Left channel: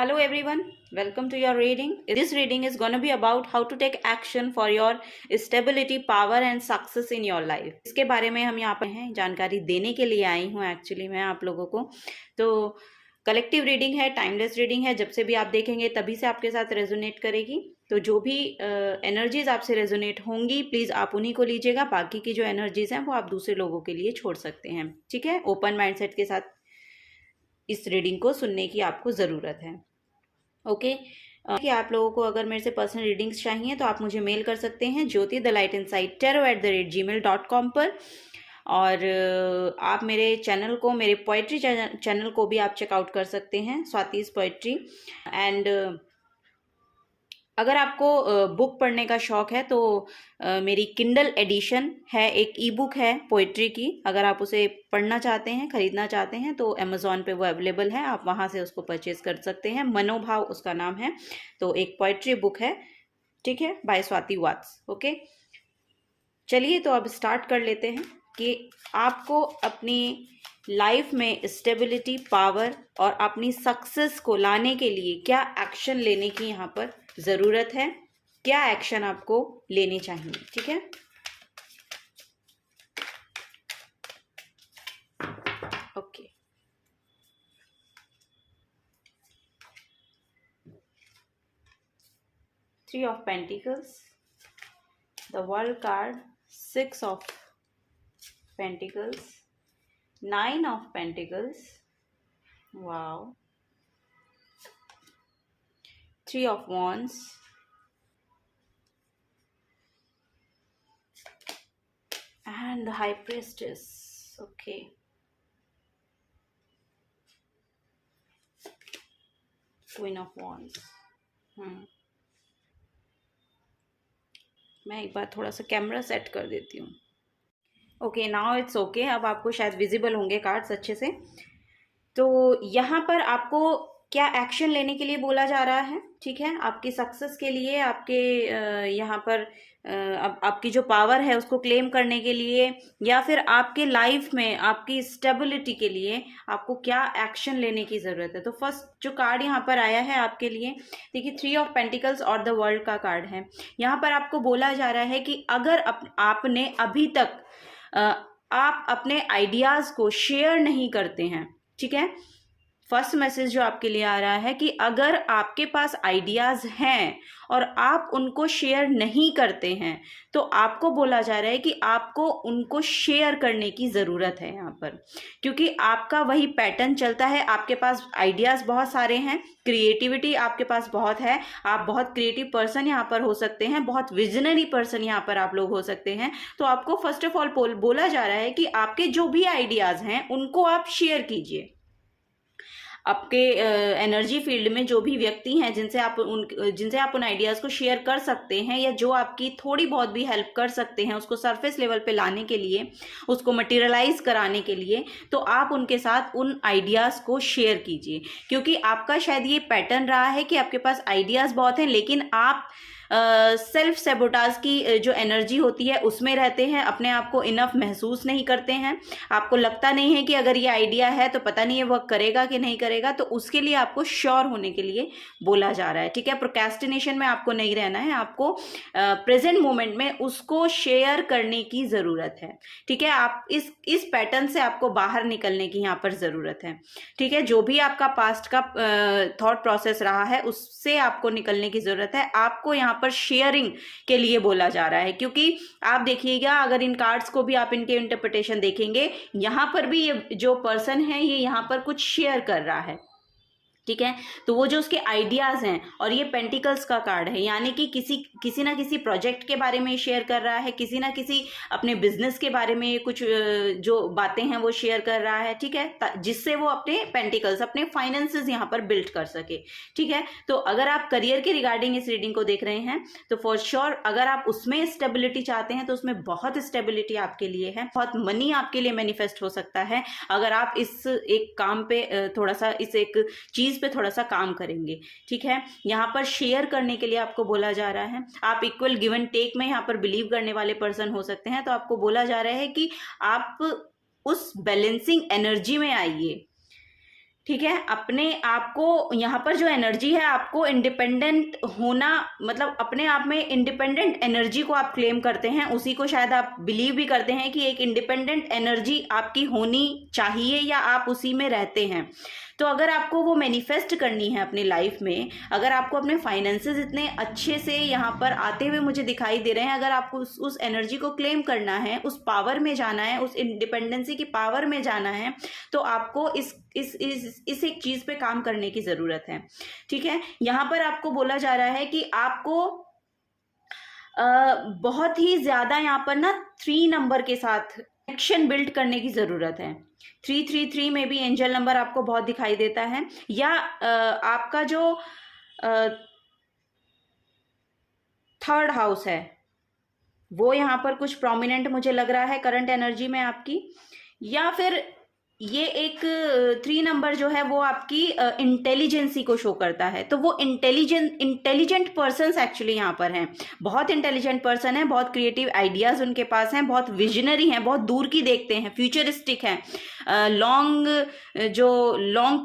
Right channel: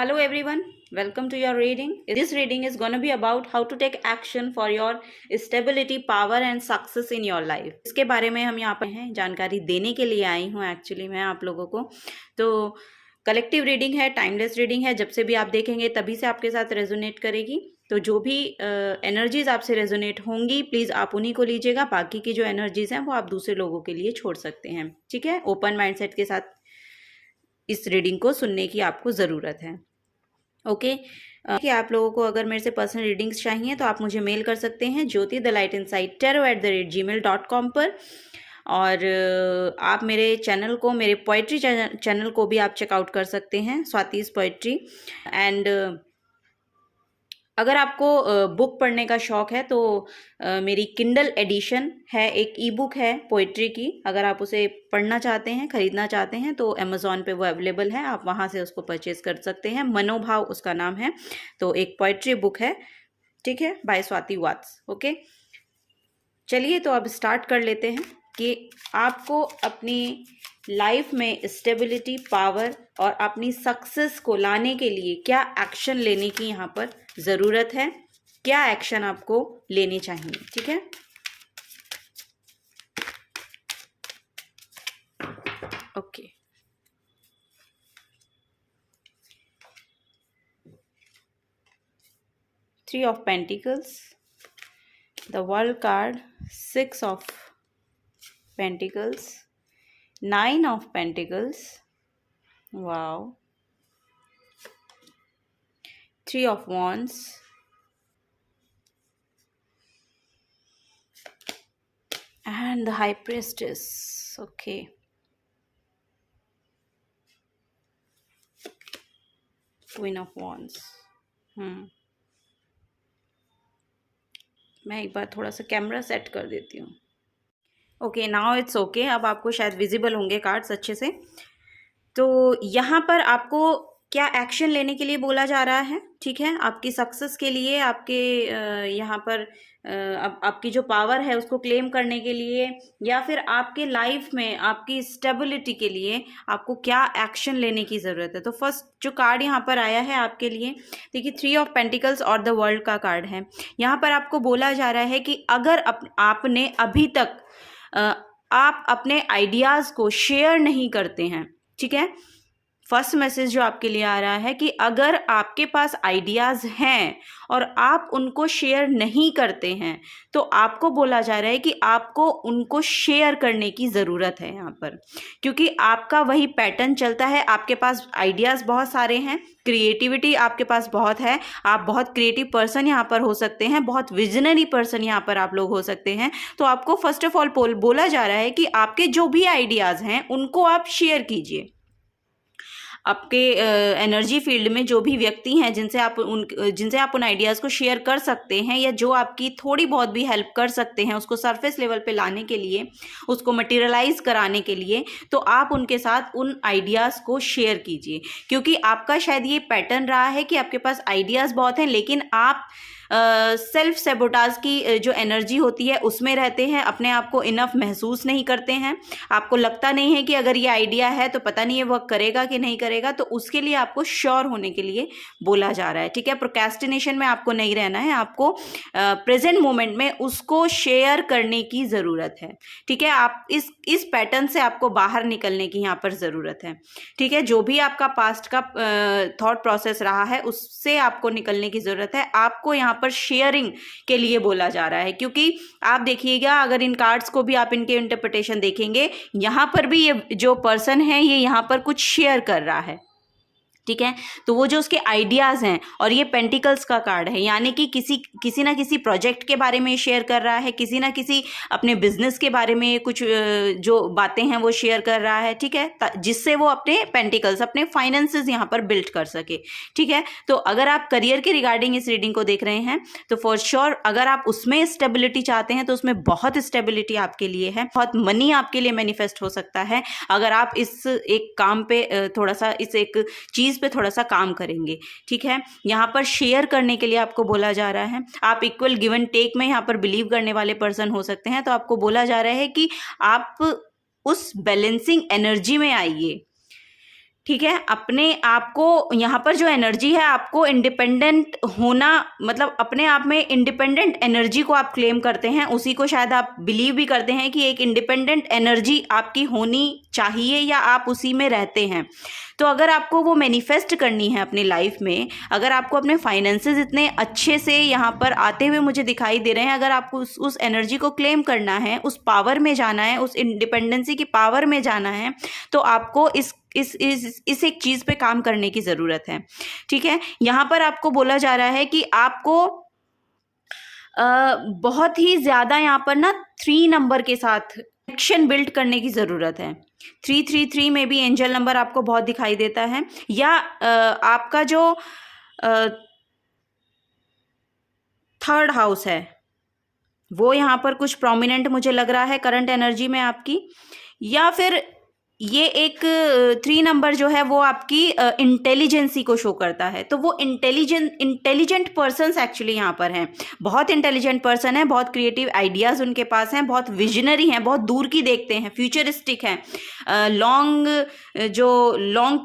Hello everyone, welcome to your reading. This reading is going to be about how to take action for your stability, power and success in your life. इसके बारे में हम यहाँ पर हैं, जानकारी देने के लिए आई हूँ एक्चुअली मैं आप लोगों को। तो कलेक्टिव रीडिंग है, टाइमलेस रीडिंग है, जब से भी आप देखेंगे तभी से आपके साथ रेजोनेट करेगी। तो जो भी एनर्जीज आपसे रेजोनेट होंगी प्लीज़ आप उन्हीं को लीजिएगा, बाकी की जो एनर्जीज हैं वो आप दूसरे लोगों के लिए छोड़ सकते हैं। ठीक है, ओपन माइंडसेट के साथ इस रीडिंग को सुनने की आपको ज़रूरत है। ओके कि आप लोगों को अगर मेरे से पर्सनल रीडिंग्स चाहिए तो आप मुझे मेल कर सकते हैं jyoti_the_light_inside_tarot@gmail.com पर। और आप मेरे चैनल को, मेरे पोइट्री चैनल को भी आप चेकआउट कर सकते हैं, स्वातिस पोइट्री। एंड अगर आपको बुक पढ़ने का शौक़ है तो मेरी किंडल एडिशन है, एक ई बुक है पोइट्री की। अगर आप उसे पढ़ना चाहते हैं, ख़रीदना चाहते हैं तो अमेज़ॉन पे वो अवेलेबल है, आप वहाँ से उसको परचेज़ कर सकते हैं। मनोभाव उसका नाम है। तो एक पोइट्री बुक है, ठीक है, बाय स्वाति वात्स। ओके, चलिए तो अब स्टार्ट कर लेते हैं कि आपको अपनी लाइफ में स्टेबिलिटी, पावर और अपनी सक्सेस को लाने के लिए क्या एक्शन लेने की यहाँ पर ज़रूरत है, क्या एक्शन आपको लेने चाहिए। ठीक है, okay. Three of pentacles, the world card, six of pentacles, nine of pentacles, wow, three of wands, and the high priestess. Okay, queen of wands. मैं एक बार थोड़ा सा कैमरा सेट कर देती हूँ। Okay, now it's okay. अब आपको शायद विजिबल होंगे कार्ड्स अच्छे से। तो यहाँ पर आपको क्या एक्शन लेने के लिए बोला जा रहा है, ठीक है, आपकी सक्सेस के लिए, आपके यहाँ पर अब आपकी जो पावर है उसको क्लेम करने के लिए, या फिर आपके लाइफ में आपकी स्टेबिलिटी के लिए आपको क्या एक्शन लेने की ज़रूरत है। तो फर्स्ट जो कार्ड यहाँ पर आया है आपके लिए, देखिए, थ्री ऑफ पेंटिकल्स और द वर्ल्ड का कार्ड है। यहाँ पर आपको बोला जा रहा है कि अगर आपने अभी तक आप अपने आइडियाज़ को शेयर नहीं करते हैं, ठीक है, फर्स्ट मैसेज जो आपके लिए आ रहा है कि अगर आपके पास आइडियाज़ हैं और आप उनको शेयर नहीं करते हैं तो आपको बोला जा रहा है कि आपको उनको शेयर करने की ज़रूरत है यहाँ पर, क्योंकि आपका वही पैटर्न चलता है। आपके पास आइडियाज़ बहुत सारे हैं, क्रिएटिविटी आपके पास बहुत है, आप बहुत क्रिएटिव पर्सन यहाँ पर हो सकते हैं, बहुत विजनरी पर्सन यहाँ पर आप लोग हो सकते हैं। तो आपको फर्स्ट ऑफ ऑल बोला जा रहा है कि आपके जो भी आइडियाज़ हैं उनको आप शेयर कीजिए। आपके एनर्जी फील्ड में जो भी व्यक्ति हैं जिनसे आप उन आइडियाज़ को शेयर कर सकते हैं, या जो आपकी थोड़ी बहुत भी हेल्प कर सकते हैं उसको सरफेस लेवल पे लाने के लिए, उसको मटेरियलाइज कराने के लिए, तो आप उनके साथ उन आइडियाज़ को शेयर कीजिए। क्योंकि आपका शायद ये पैटर्न रहा है कि आपके पास आइडियाज़ बहुत हैं लेकिन आप सेल्फ सेबोटाज की जो एनर्जी होती है उसमें रहते हैं, अपने आप को इनफ महसूस नहीं करते हैं। आपको लगता नहीं है कि अगर ये आइडिया है तो पता नहीं है वह करेगा कि नहीं करेगा, तो उसके लिए आपको श्योर होने के लिए बोला जा रहा है। ठीक है, प्रोक्रेस्टिनेशन में आपको नहीं रहना है, आपको प्रेजेंट मोमेंट में उसको शेयर करने की ज़रूरत है। ठीक है, आप इस पैटर्न से आपको बाहर निकलने की यहाँ पर ज़रूरत है। ठीक है, जो भी आपका पास्ट का थॉट प्रोसेस रहा है उससे आपको निकलने की ज़रूरत है। आपको यहाँ पर शेयरिंग के लिए बोला जा रहा है, क्योंकि आप देखिएगा, अगर इन कार्ड्स को भी आप इनके इंटरप्रिटेशन देखेंगे, यहाँ पर भी ये जो पर्सन है ये यहाँ पर कुछ शेयर कर रहा है। ठीक है, तो वो जो उसके आइडियाज़ हैं, और ये पेंटिकल्स का कार्ड है, यानी कि किसी ना किसी प्रोजेक्ट के बारे में शेयर कर रहा है, किसी ना किसी अपने बिजनेस के बारे में कुछ जो बातें हैं वो शेयर कर रहा है। ठीक है, जिससे वो अपने पेंटिकल्स, अपने फाइनेंसेस यहाँ पर बिल्ड कर सके। ठीक है, तो अगर आप करियर के रिगार्डिंग इस रीडिंग को देख रहे हैं तो फॉर श्योर अगर आप उसमें स्टेबिलिटी चाहते हैं तो उसमें बहुत स्टेबिलिटी आपके लिए है, बहुत मनी आपके लिए मैनिफेस्ट हो सकता है अगर आप इस एक काम पे थोड़ा सा, इस एक चीज़ पे थोड़ा सा काम करेंगे। ठीक है, यहाँ पर शेयर करने के लिए आपको बोला जा रहा है। आप इक्वल गिव एंड टेक में यहाँ पर बिलीव करने वाले पर्सन हो सकते हैं, तो आपको बोला जा रहा है कि आप उस बैलेंसिंग एनर्जी में आइए ठीक है, अपने आप को यहाँ पर जो एनर्जी है, आपको इंडिपेंडेंट होना, मतलब अपने आप में इंडिपेंडेंट एनर्जी को आप क्लेम करते हैं, उसी को शायद आप बिलीव भी करते हैं कि एक इंडिपेंडेंट एनर्जी आपकी होनी चाहिए या आप उसी में रहते हैं। तो अगर आपको वो मैनिफेस्ट करनी है अपनी लाइफ में, अगर आपको अपने फाइनेंसेस इतने अच्छे से यहाँ पर आते हुए मुझे दिखाई दे रहे हैं, अगर आपको उस एनर्जी को क्लेम करना है, उस पावर में जाना है, उस इंडिपेंडेंसी की पावर में जाना है, तो आपको इस एक चीज़ पे काम करने की ज़रूरत है। ठीक है, यहाँ पर आपको बोला जा रहा है कि आपको बहुत ही ज़्यादा यहाँ पर ना 3 नंबर के साथ कनेक्शन बिल्ड करने की ज़रूरत है। 333 में भी एंजल नंबर आपको बहुत दिखाई देता है, या आपका जो 3rd हाउस है वो यहाँ पर कुछ प्रोमिनेंट मुझे लग रहा है करंट एनर्जी में आपकी, या फिर ये एक 3 नंबर जो है वो आपकी इंटेलिजेंसी को शो करता है। तो वो इंटेलिजेंट पर्सन्स एक्चुअली यहाँ पर हैं, बहुत इंटेलिजेंट पर्सन है, बहुत क्रिएटिव आइडियाज़ उनके पास हैं, बहुत विजनरी हैं, बहुत दूर की देखते हैं, फ्यूचरिस्टिक हैं, लॉन्ग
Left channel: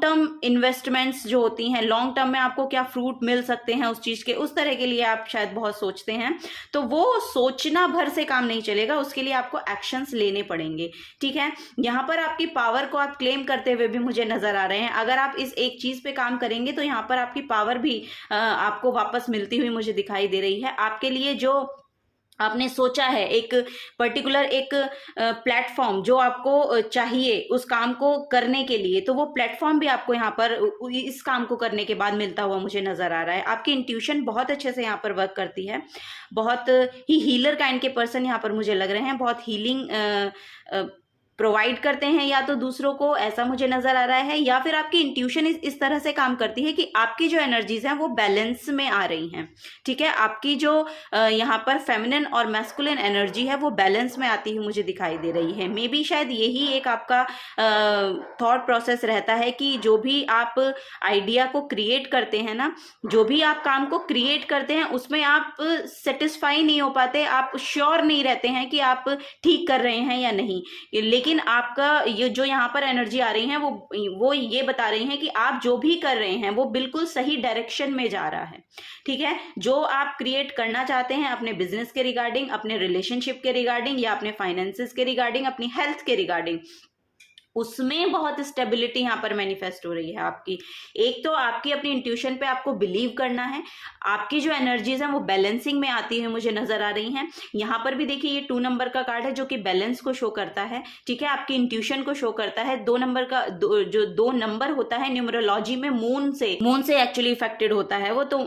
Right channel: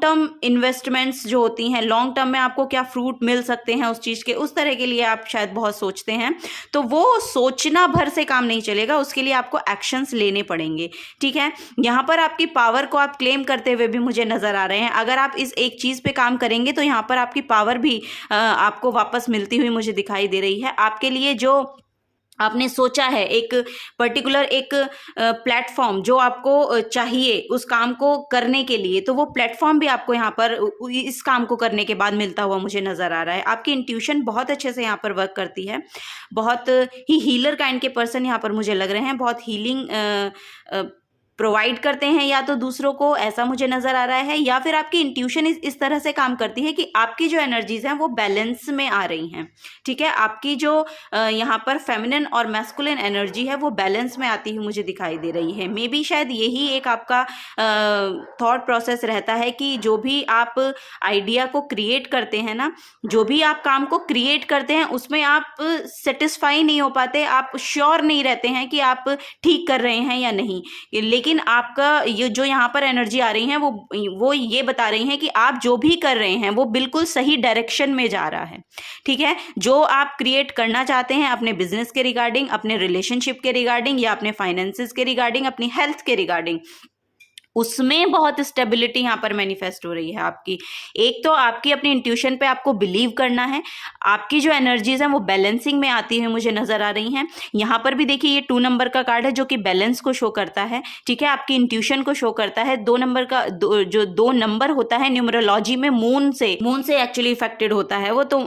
टर्म इन्वेस्टमेंट्स जो होती हैं, लॉन्ग टर्म में आपको क्या फ्रूट मिल सकते हैं उस चीज़ के, उस तरह के लिए आप शायद बहुत सोचते हैं। तो वो सोचना भर से काम नहीं चलेगा, उसके लिए आपको एक्शंस लेने पड़ेंगे। ठीक है, यहाँ पर आपकी पावर को आप क्लेम करते हुए भी मुझे नज़र आ रहे हैं। अगर आप इस एक चीज़ पे काम करेंगे तो यहाँ पर आपकी पावर भी आपको वापस मिलती हुई मुझे दिखाई दे रही है। आपके लिए जो आपने सोचा है, एक पर्टिकुलर एक प्लेटफॉर्म जो आपको चाहिए उस काम को करने के लिए, तो वो प्लेटफॉर्म भी आपको यहाँ पर इस काम को करने के बाद मिलता हुआ मुझे नज़र आ रहा है। आपकी इंट्यूशन बहुत अच्छे से यहाँ पर वर्क करती है, बहुत ही हीलर काइंड के पर्सन यहाँ पर मुझे लग रहे हैं, बहुत हीलिंग प्रोवाइड करते हैं या तो दूसरों को, ऐसा मुझे नज़र आ रहा है। या फिर आपकी इंट्यूशन इस तरह से काम करती है कि आपकी जो एनर्जीज हैं वो बैलेंस में आ रही हैं। ठीक है, आपकी जो यहाँ पर फेमिनिन और मैस्कुलिन एनर्जी है वो बैलेंस में आती हुई मुझे दिखाई दे रही है। मे बी शायद यही एक आपका थॉट प्रोसेस रहता है कि जो भी आप आइडिया को क्रिएट करते हैं ना, जो भी आप काम को क्रिएट करते हैं उसमें आप सेटिस्फाई नहीं हो पाते, आप श्योर नहीं रहते हैं कि आप ठीक कर रहे हैं या नहीं, लेकिन आपका ये जो यहाँ पर एनर्जी आ रही है वो ये बता रही है कि आप जो भी कर रहे हैं वो बिल्कुल सही डायरेक्शन में जा रहा है। ठीक है, जो आप क्रिएट करना चाहते हैं अपने बिजनेस के रिगार्डिंग, अपने रिलेशनशिप के रिगार्डिंग, या अपने फाइनेंसेस के रिगार्डिंग, अपनी हेल्थ के रिगार्डिंग, उसमें बहुत स्टेबिलिटी यहाँ पर मैनिफेस्ट हो रही है आपकी। एक तो आपकी अपनी इंट्यूशन पे आपको बिलीव करना है, आपकी जो एनर्जीज हैं वो बैलेंसिंग में आती हुई मुझे नज़र आ रही हैं। यहाँ पर भी देखिए ये 2 नंबर का कार्ड है जो कि बैलेंस को शो करता है। ठीक है, आपकी इंट्यूशन को शो करता है। 2 नंबर का जो 2 नंबर होता है न्यूमरोलॉजी में मून से एक्चुअली इफेक्टेड होता है वो, तो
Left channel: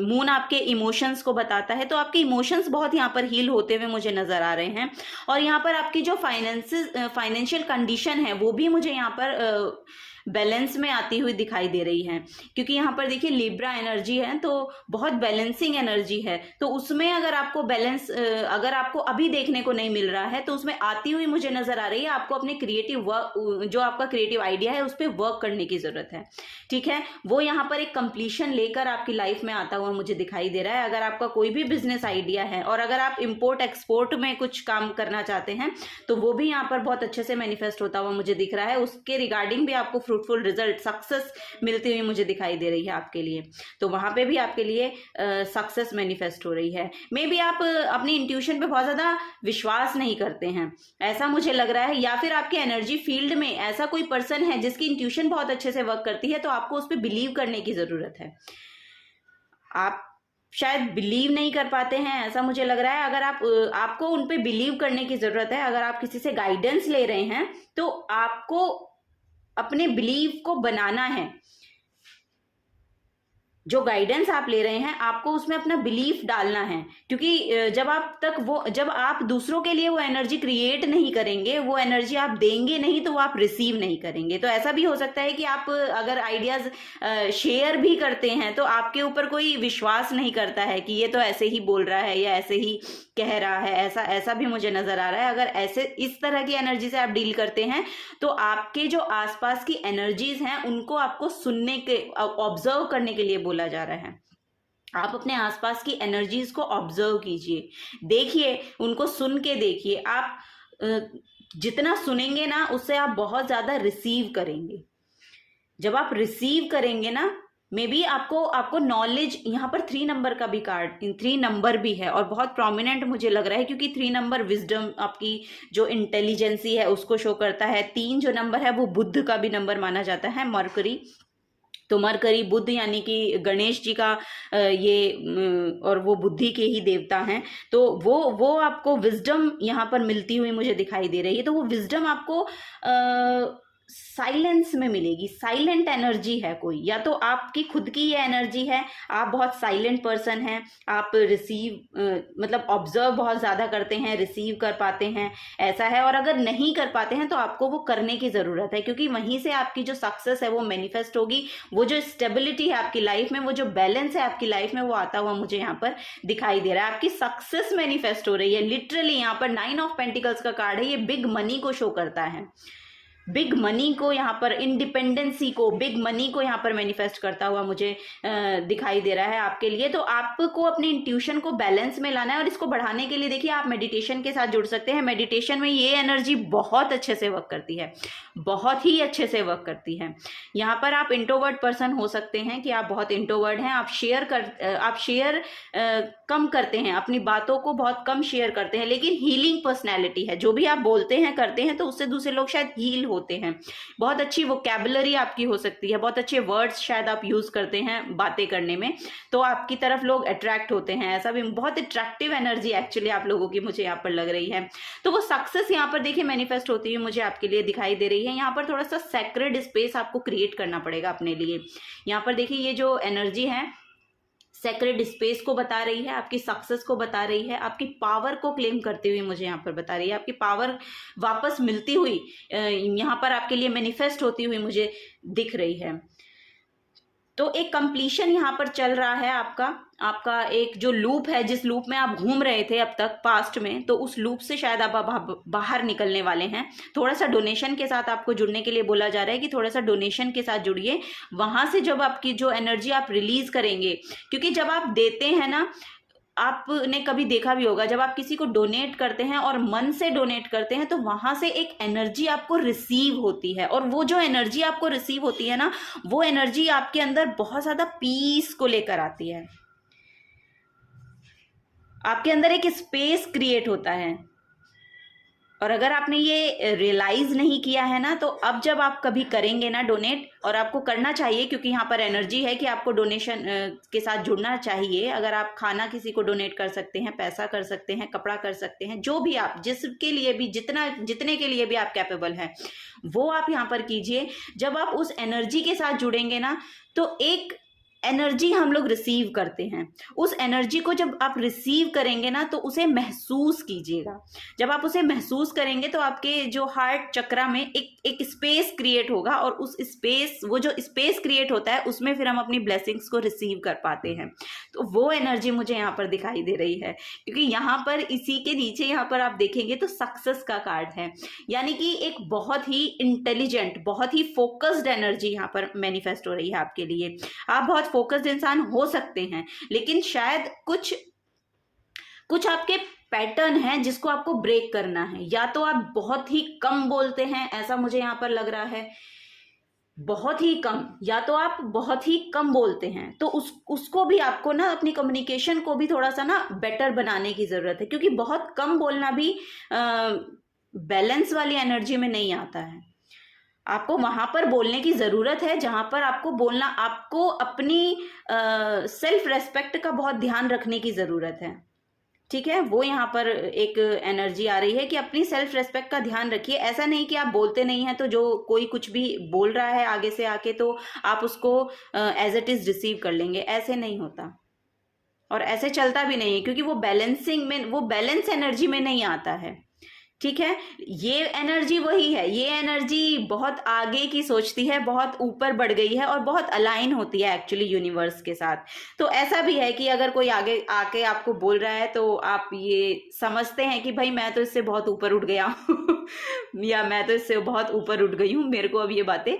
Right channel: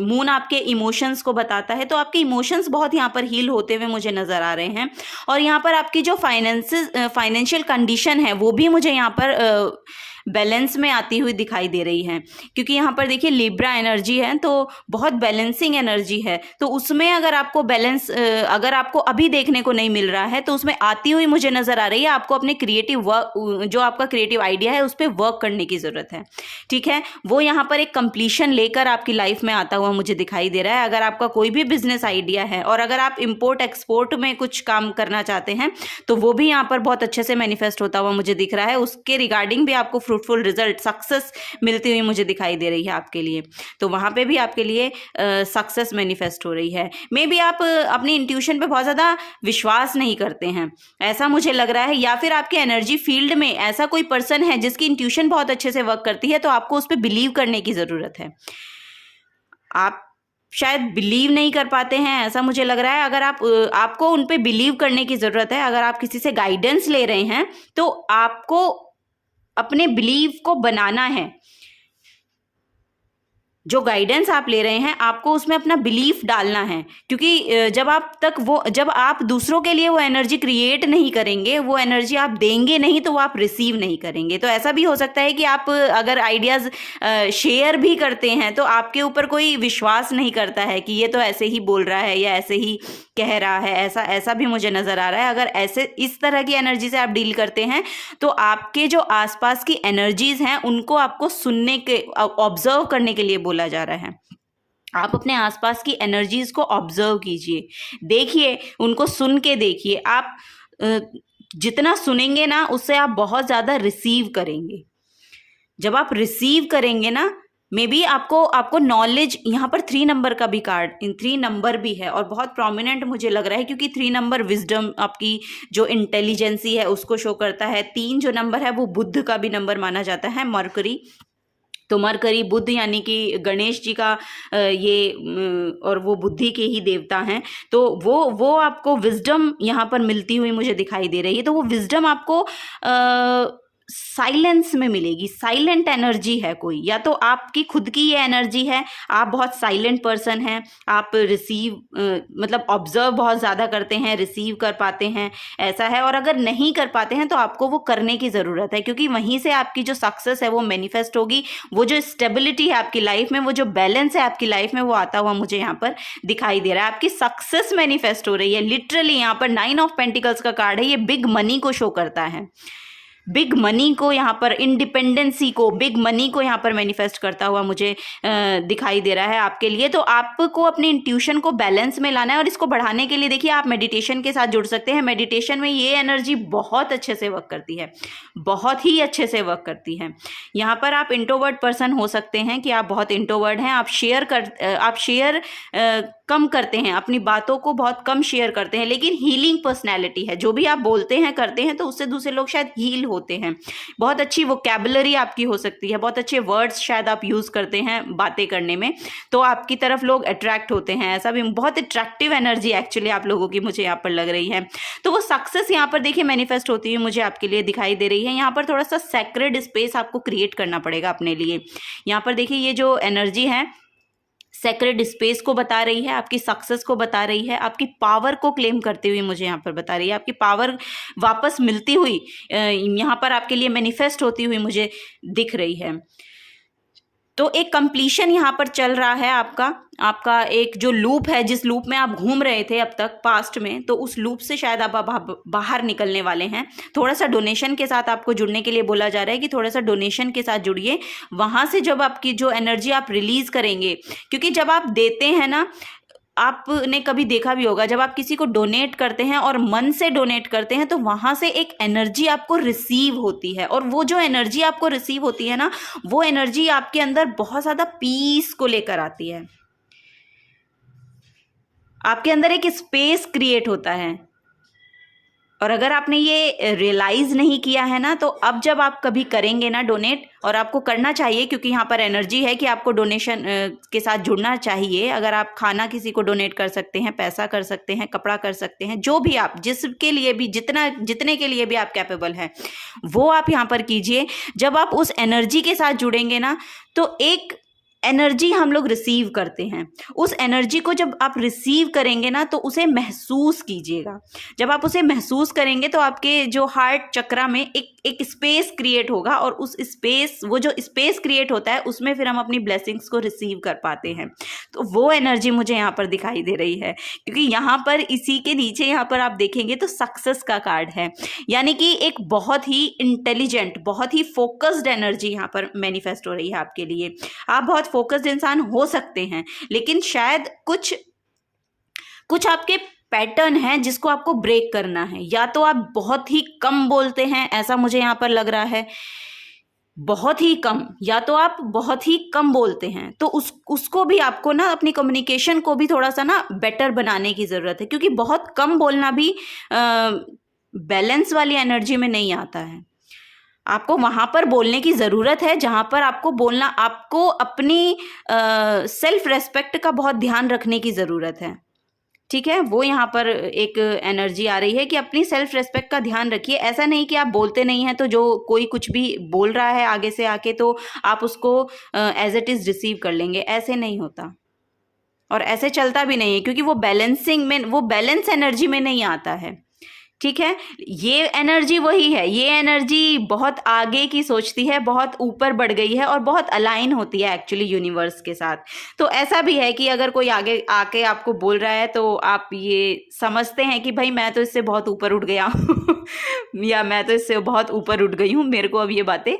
मून आपके इमोशंस को बताता है, तो आपके इमोशंस बहुत यहाँ पर हील होते हुए मुझे नज़र आ रहे हैं। और यहाँ पर आपकी जो फाइनेंशियल कंडीशन है वो भी मुझे यहाँ पर बैलेंस में आती हुई दिखाई दे रही है, क्योंकि यहाँ पर देखिए लिब्रा एनर्जी है तो बहुत बैलेंसिंग एनर्जी है। तो उसमें अगर आपको बैलेंस अगर आपको अभी देखने को नहीं मिल रहा है तो उसमें आती हुई मुझे नज़र आ रही है। आपको अपने क्रिएटिव वर्क, जो आपका क्रिएटिव आइडिया है उस पर वर्क करने की ज़रूरत है। ठीक है, वो यहाँ पर एक कंप्लीशन लेकर आपकी लाइफ में आता हुआ मुझे दिखाई दे रहा है। अगर आपका कोई भी बिजनेस आइडिया है और अगर आप इम्पोर्ट एक्सपोर्ट में कुछ काम करना चाहते हैं तो वो भी यहाँ पर बहुत अच्छे से मैनिफेस्ट होता हुआ मुझे दिख रहा है। उसके रिगार्डिंग भी आपको फ्रूटफुल रिजल्ट, सक्सेस मिलती हुई मुझे दिखाई दे रही है आपके लिए। तो वहाँ पे भी आपके लिए सक्सेस मैनिफेस्ट हो रही है। मे बी आप अपनी इंट्यूशन पे बहुत ज़्यादा विश्वास नहीं करते हैं, ऐसा मुझे लग रहा है, या फिर आपके एनर्जी फील्ड में ऐसा कोई पर्सन है जिसकी इंट्यूशन बहुत अच्छे से वर्क करती है, तो आपको उस पर बिलीव करने की ज़रूरत है। आप शायद बिलीव नहीं कर पाते हैं, ऐसा मुझे लग रहा है। अगर आपको उन पे बिलीव करने की ज़रूरत है। अगर आप किसी से गाइडेंस ले रहे हैं तो आपको अपने बिलीव को बनाना है। जो गाइडेंस आप ले रहे हैं आपको उसमें अपना बिलीफ डालना है, क्योंकि जब आप दूसरों के लिए वो एनर्जी क्रिएट नहीं करेंगे, वो एनर्जी आप देंगे नहीं, तो वो आप रिसीव नहीं करेंगे। तो ऐसा भी हो सकता है कि आप अगर आइडियाज़ शेयर भी करते हैं तो आपके ऊपर कोई विश्वास नहीं करता है कि ये तो ऐसे ही बोल रहा है या ऐसे ही कह रहा है, ऐसा भी मुझे नज़र आ रहा है। अगर ऐसे इस तरह की एनर्जी से आप डील करते हैं तो आपके जो आसपास की एनर्जीज हैं उनको आपको सुनने के, ऑब्जर्व करने के लिए बोला जा रहा है। आप अपने आसपास की एनर्जीज को ऑब्जर्व कीजिए, देखिए, उनको सुन के देखिए। आप जितना सुनेंगे ना उससे आप बहुत ज़्यादा रिसीव करेंगे। जब आप रिसीव करेंगे ना, मे बी आपको नॉलेज, यहाँ पर 3 नंबर का भी कार्ड, 3 नंबर भी है और बहुत प्रोमिनेंट मुझे लग रहा है, क्योंकि 3 नंबर विजडम, आपकी जो इंटेलिजेंसी है उसको शो करता है। 3 जो नंबर है वो बुद्ध का भी नंबर माना जाता है, मरकरी। तो मरकरी बुद्ध यानी कि गणेश जी का और वो बुद्धि के ही देवता हैं। तो वो आपको विजडम यहाँ पर मिलती हुई मुझे दिखाई दे रही है। तो वो विजडम आपको साइलेंस में मिलेगी। साइलेंट एनर्जी है कोई, या तो आपकी खुद की ये एनर्जी है, आप बहुत साइलेंट पर्सन हैं, आप रिसीव मतलब ऑब्जर्व बहुत ज़्यादा करते हैं, रिसीव कर पाते हैं, ऐसा है। और अगर नहीं कर पाते हैं तो आपको वो करने की ज़रूरत है, क्योंकि वहीं से आपकी जो सक्सेस है वो मैनिफेस्ट होगी। वो जो स्टेबिलिटी है आपकी लाइफ में, वो जो बैलेंस है आपकी लाइफ में, वो आता हुआ मुझे यहाँ पर दिखाई दे रहा है। आपकी सक्सेस मैनिफेस्ट हो रही है लिटरली। यहाँ पर 9 ऑफ पेंटिकल्स का कार्ड है, ये बिग मनी को शो करता है। बिग मनी को यहाँ पर, इंडिपेंडेंसी को, बिग मनी को यहाँ पर मैनिफेस्ट करता हुआ मुझे दिखाई दे रहा है आपके लिए। तो आपको अपनी इंट्यूशन को बैलेंस में लाना है, और इसको बढ़ाने के लिए देखिए आप मेडिटेशन के साथ जुड़ सकते हैं। मेडिटेशन में ये एनर्जी बहुत अच्छे से वर्क करती है, बहुत ही अच्छे से वर्क करती है। यहाँ पर आप इंट्रोवर्ट पर्सन हो सकते हैं कि आप बहुत इंट्रोवर्ट हैं, आप शेयर कम करते हैं, अपनी बातों को बहुत कम शेयर करते हैं, लेकिन हीलिंग पर्सनैलिटी है। जो भी आप बोलते हैं करते हैं तो उससे दूसरे लोग शायद हील होते हैं। बहुत अच्छी वोकैबुलरी आपकी हो सकती है, बहुत अच्छे वर्ड्स शायद आप यूज़ करते हैं बातें करने में, तो आपकी तरफ लोग अट्रैक्ट होते हैं। ऐसा भी बहुत अट्रैक्टिव एनर्जी एक्चुअली आप लोगों की मुझे यहाँ पर लग रही है। तो वो सक्सेस यहाँ पर देखिए मैनिफेस्ट होती हुई मुझे आपके लिए दिखाई दे रही है। यहाँ पर थोड़ा सा सैक्रेड स्पेस आपको क्रिएट करना पड़ेगा अपने लिए। यहाँ पर देखिए ये जो एनर्जी है सेक्रेड स्पेस को बता रही है, आपकी सक्सेस को बता रही है, आपकी पावर को क्लेम करते हुए मुझे यहाँ पर बता रही है। आपकी पावर वापस मिलती हुई यहाँ पर आपके लिए मैनिफेस्ट होती हुई मुझे दिख रही है। तो एक कंप्लीशन यहाँ पर चल रहा है आपका एक जो लूप है, जिस लूप में आप घूम रहे थे अब तक पास्ट में, तो उस लूप से शायद आप बाहर निकलने वाले हैं। थोड़ा सा डोनेशन के साथ आपको जुड़ने के लिए बोला जा रहा है कि थोड़ा सा डोनेशन के साथ जुड़िए। वहाँ से जब आपकी जो एनर्जी आप रिलीज करेंगे, क्योंकि जब आप देते हैं ना, आपने कभी देखा भी होगा, जब आप किसी को डोनेट करते हैं और मन से डोनेट करते हैं तो वहां से एक एनर्जी आपको रिसीव होती है, और वो जो एनर्जी आपको रिसीव होती है ना, वो एनर्जी आपके अंदर बहुत ज़्यादा पीस को लेकर आती है। आपके अंदर एक स्पेस क्रिएट होता है। और अगर आपने ये रियलाइज़ नहीं किया है ना, तो अब जब आप कभी करेंगे ना डोनेट, और आपको करना चाहिए क्योंकि यहाँ पर एनर्जी है कि आपको डोनेशन के साथ जुड़ना चाहिए। अगर आप खाना किसी को डोनेट कर सकते हैं, पैसा कर सकते हैं, कपड़ा कर सकते हैं, जो भी आप, जिसके लिए भी जितने के लिए भी आप कैपेबल हैं, वो आप यहाँ पर कीजिए। जब आप उस एनर्जी के साथ जुड़ेंगे ना, तो एक एनर्जी हम लोग रिसीव करते हैं। उस एनर्जी को जब आप रिसीव करेंगे ना, तो उसे महसूस कीजिएगा। जब आप उसे महसूस करेंगे तो आपके जो हार्ट चक्रा में एक स्पेस क्रिएट होगा, और उस स्पेस, वो जो स्पेस क्रिएट होता है, उसमें फिर हम अपनी ब्लेसिंग्स को रिसीव कर पाते हैं। तो वो एनर्जी मुझे यहाँ पर दिखाई दे रही है, क्योंकि यहाँ पर इसी के नीचे यहाँ पर आप देखेंगे तो सक्सेस का कार्ड है, यानी कि एक बहुत ही इंटेलिजेंट, बहुत ही फोकस्ड एनर्जी यहाँ पर मैनिफेस्ट हो रही है आपके लिए। आप बहुत फोकस्ड इंसान हो सकते हैं, लेकिन शायद कुछ आपके पैटर्न है जिसको आपको ब्रेक करना है। या तो आप बहुत ही कम बोलते हैं, ऐसा मुझे यहाँ पर लग रहा है, बहुत ही कम, या तो आप बहुत ही कम बोलते हैं, तो उसको भी आपको ना, अपनी कम्युनिकेशन को भी थोड़ा सा ना बेटर बनाने की ज़रूरत है, क्योंकि बहुत कम बोलना भी बैलेंस वाली एनर्जी में नहीं आता है। आपको वहाँ पर बोलने की ज़रूरत है जहाँ पर आपको बोलना, आपको अपनी सेल्फ रेस्पेक्ट का बहुत ध्यान रखने की ज़रूरत है। ठीक है, वो यहाँ पर एक एनर्जी आ रही है कि अपनी सेल्फ रेस्पेक्ट का ध्यान रखिए। ऐसा नहीं कि आप बोलते नहीं हैं तो जो कोई कुछ भी बोल रहा है आगे से आके तो आप उसको एज इट इज़ रिसीव कर लेंगे, ऐसे नहीं होता, और ऐसे चलता भी नहीं है, क्योंकि वो बैलेंसिंग में, वो बैलेंस एनर्जी में नहीं आता है। ठीक है, ये एनर्जी वही है, ये एनर्जी बहुत आगे की सोचती है, बहुत ऊपर बढ़ गई है, और बहुत अलाइन होती है एक्चुअली यूनिवर्स के साथ। तो ऐसा भी है कि अगर कोई आगे आके आपको बोल रहा है तो आप ये समझते हैं कि भाई मैं तो इससे बहुत ऊपर उठ गया हूँ या मैं तो इससे बहुत ऊपर उठ गई हूँ, मेरे को अब ये बातें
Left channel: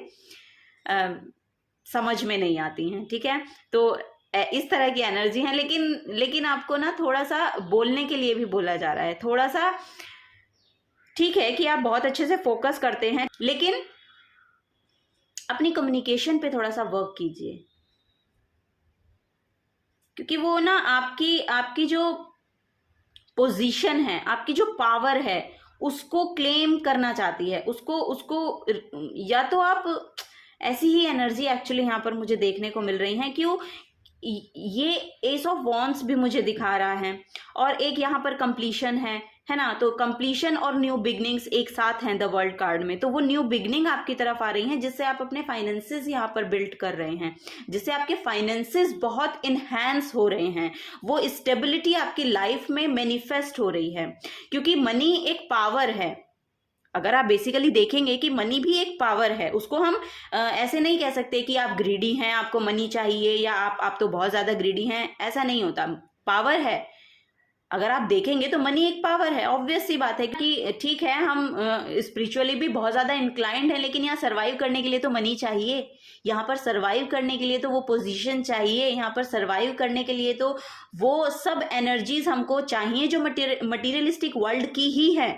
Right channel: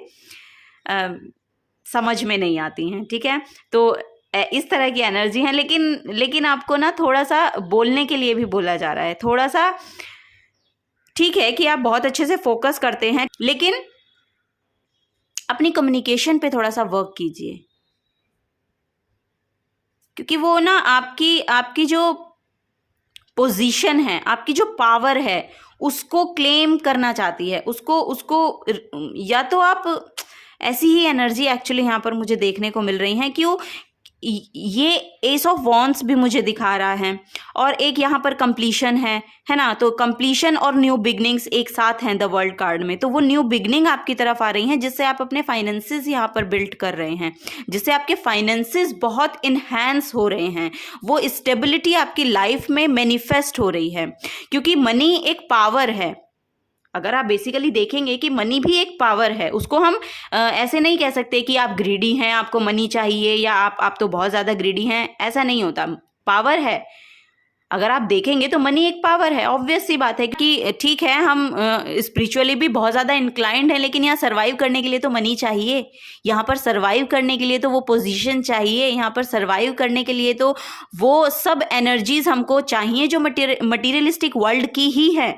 समझ में नहीं आती हैं। ठीक है, तो इस तरह की एनर्जी है, लेकिन आपको ना थोड़ा सा बोलने के लिए भी बोला जा रहा है, थोड़ा सा। ठीक है कि आप बहुत अच्छे से फोकस करते हैं, लेकिन अपनी कम्युनिकेशन पे थोड़ा सा वर्क कीजिए, क्योंकि वो ना आपकी जो पोजीशन है, आपकी जो पावर है, उसको क्लेम करना चाहती है, उसको उसको या तो आप ऐसी ही एनर्जी एक्चुअली यहाँ पर मुझे देखने को मिल रही है कि वो ये एस ऑफ वॉन्ड्स भी मुझे दिखा रहा है, और एक यहाँ पर कंप्लीशन है ना। तो कंप्लीशन और न्यू बिगनिंग्स एक साथ हैं द वर्ल्ड कार्ड में, तो वो न्यू बिगनिंग आपकी तरफ आ रही हैं, जिससे आप अपने फाइनेंसेस यहाँ पर बिल्ड कर रहे हैं, जिससे आपके फाइनेंसेस बहुत इन्हेंस हो रहे हैं, वो स्टेबिलिटी आपकी लाइफ में मैनिफेस्ट हो रही है, क्योंकि मनी एक पावर है। अगर आप बेसिकली देखेंगे कि मनी भी एक पावर है, उसको हम ऐसे नहीं कह सकते कि आप ग्रीडी हैं, आपको मनी चाहिए, या आप तो बहुत ज़्यादा ग्रीडी हैं, ऐसा नहीं होता। पावर है, अगर आप देखेंगे तो मनी एक पावर है। ऑब्वियस सी बात है कि ठीक है, हम स्पिरिचुअली भी बहुत ज़्यादा इंक्लाइंड है, लेकिन यहाँ सर्वाइव करने के लिए तो मनी चाहिए, यहाँ पर सर्वाइव करने के लिए तो वो पोजीशन चाहिए, यहाँ पर सर्वाइव करने के लिए तो वो सब एनर्जीज हमको चाहिए जो मटीरियलिस्टिक वर्ल्ड की ही है,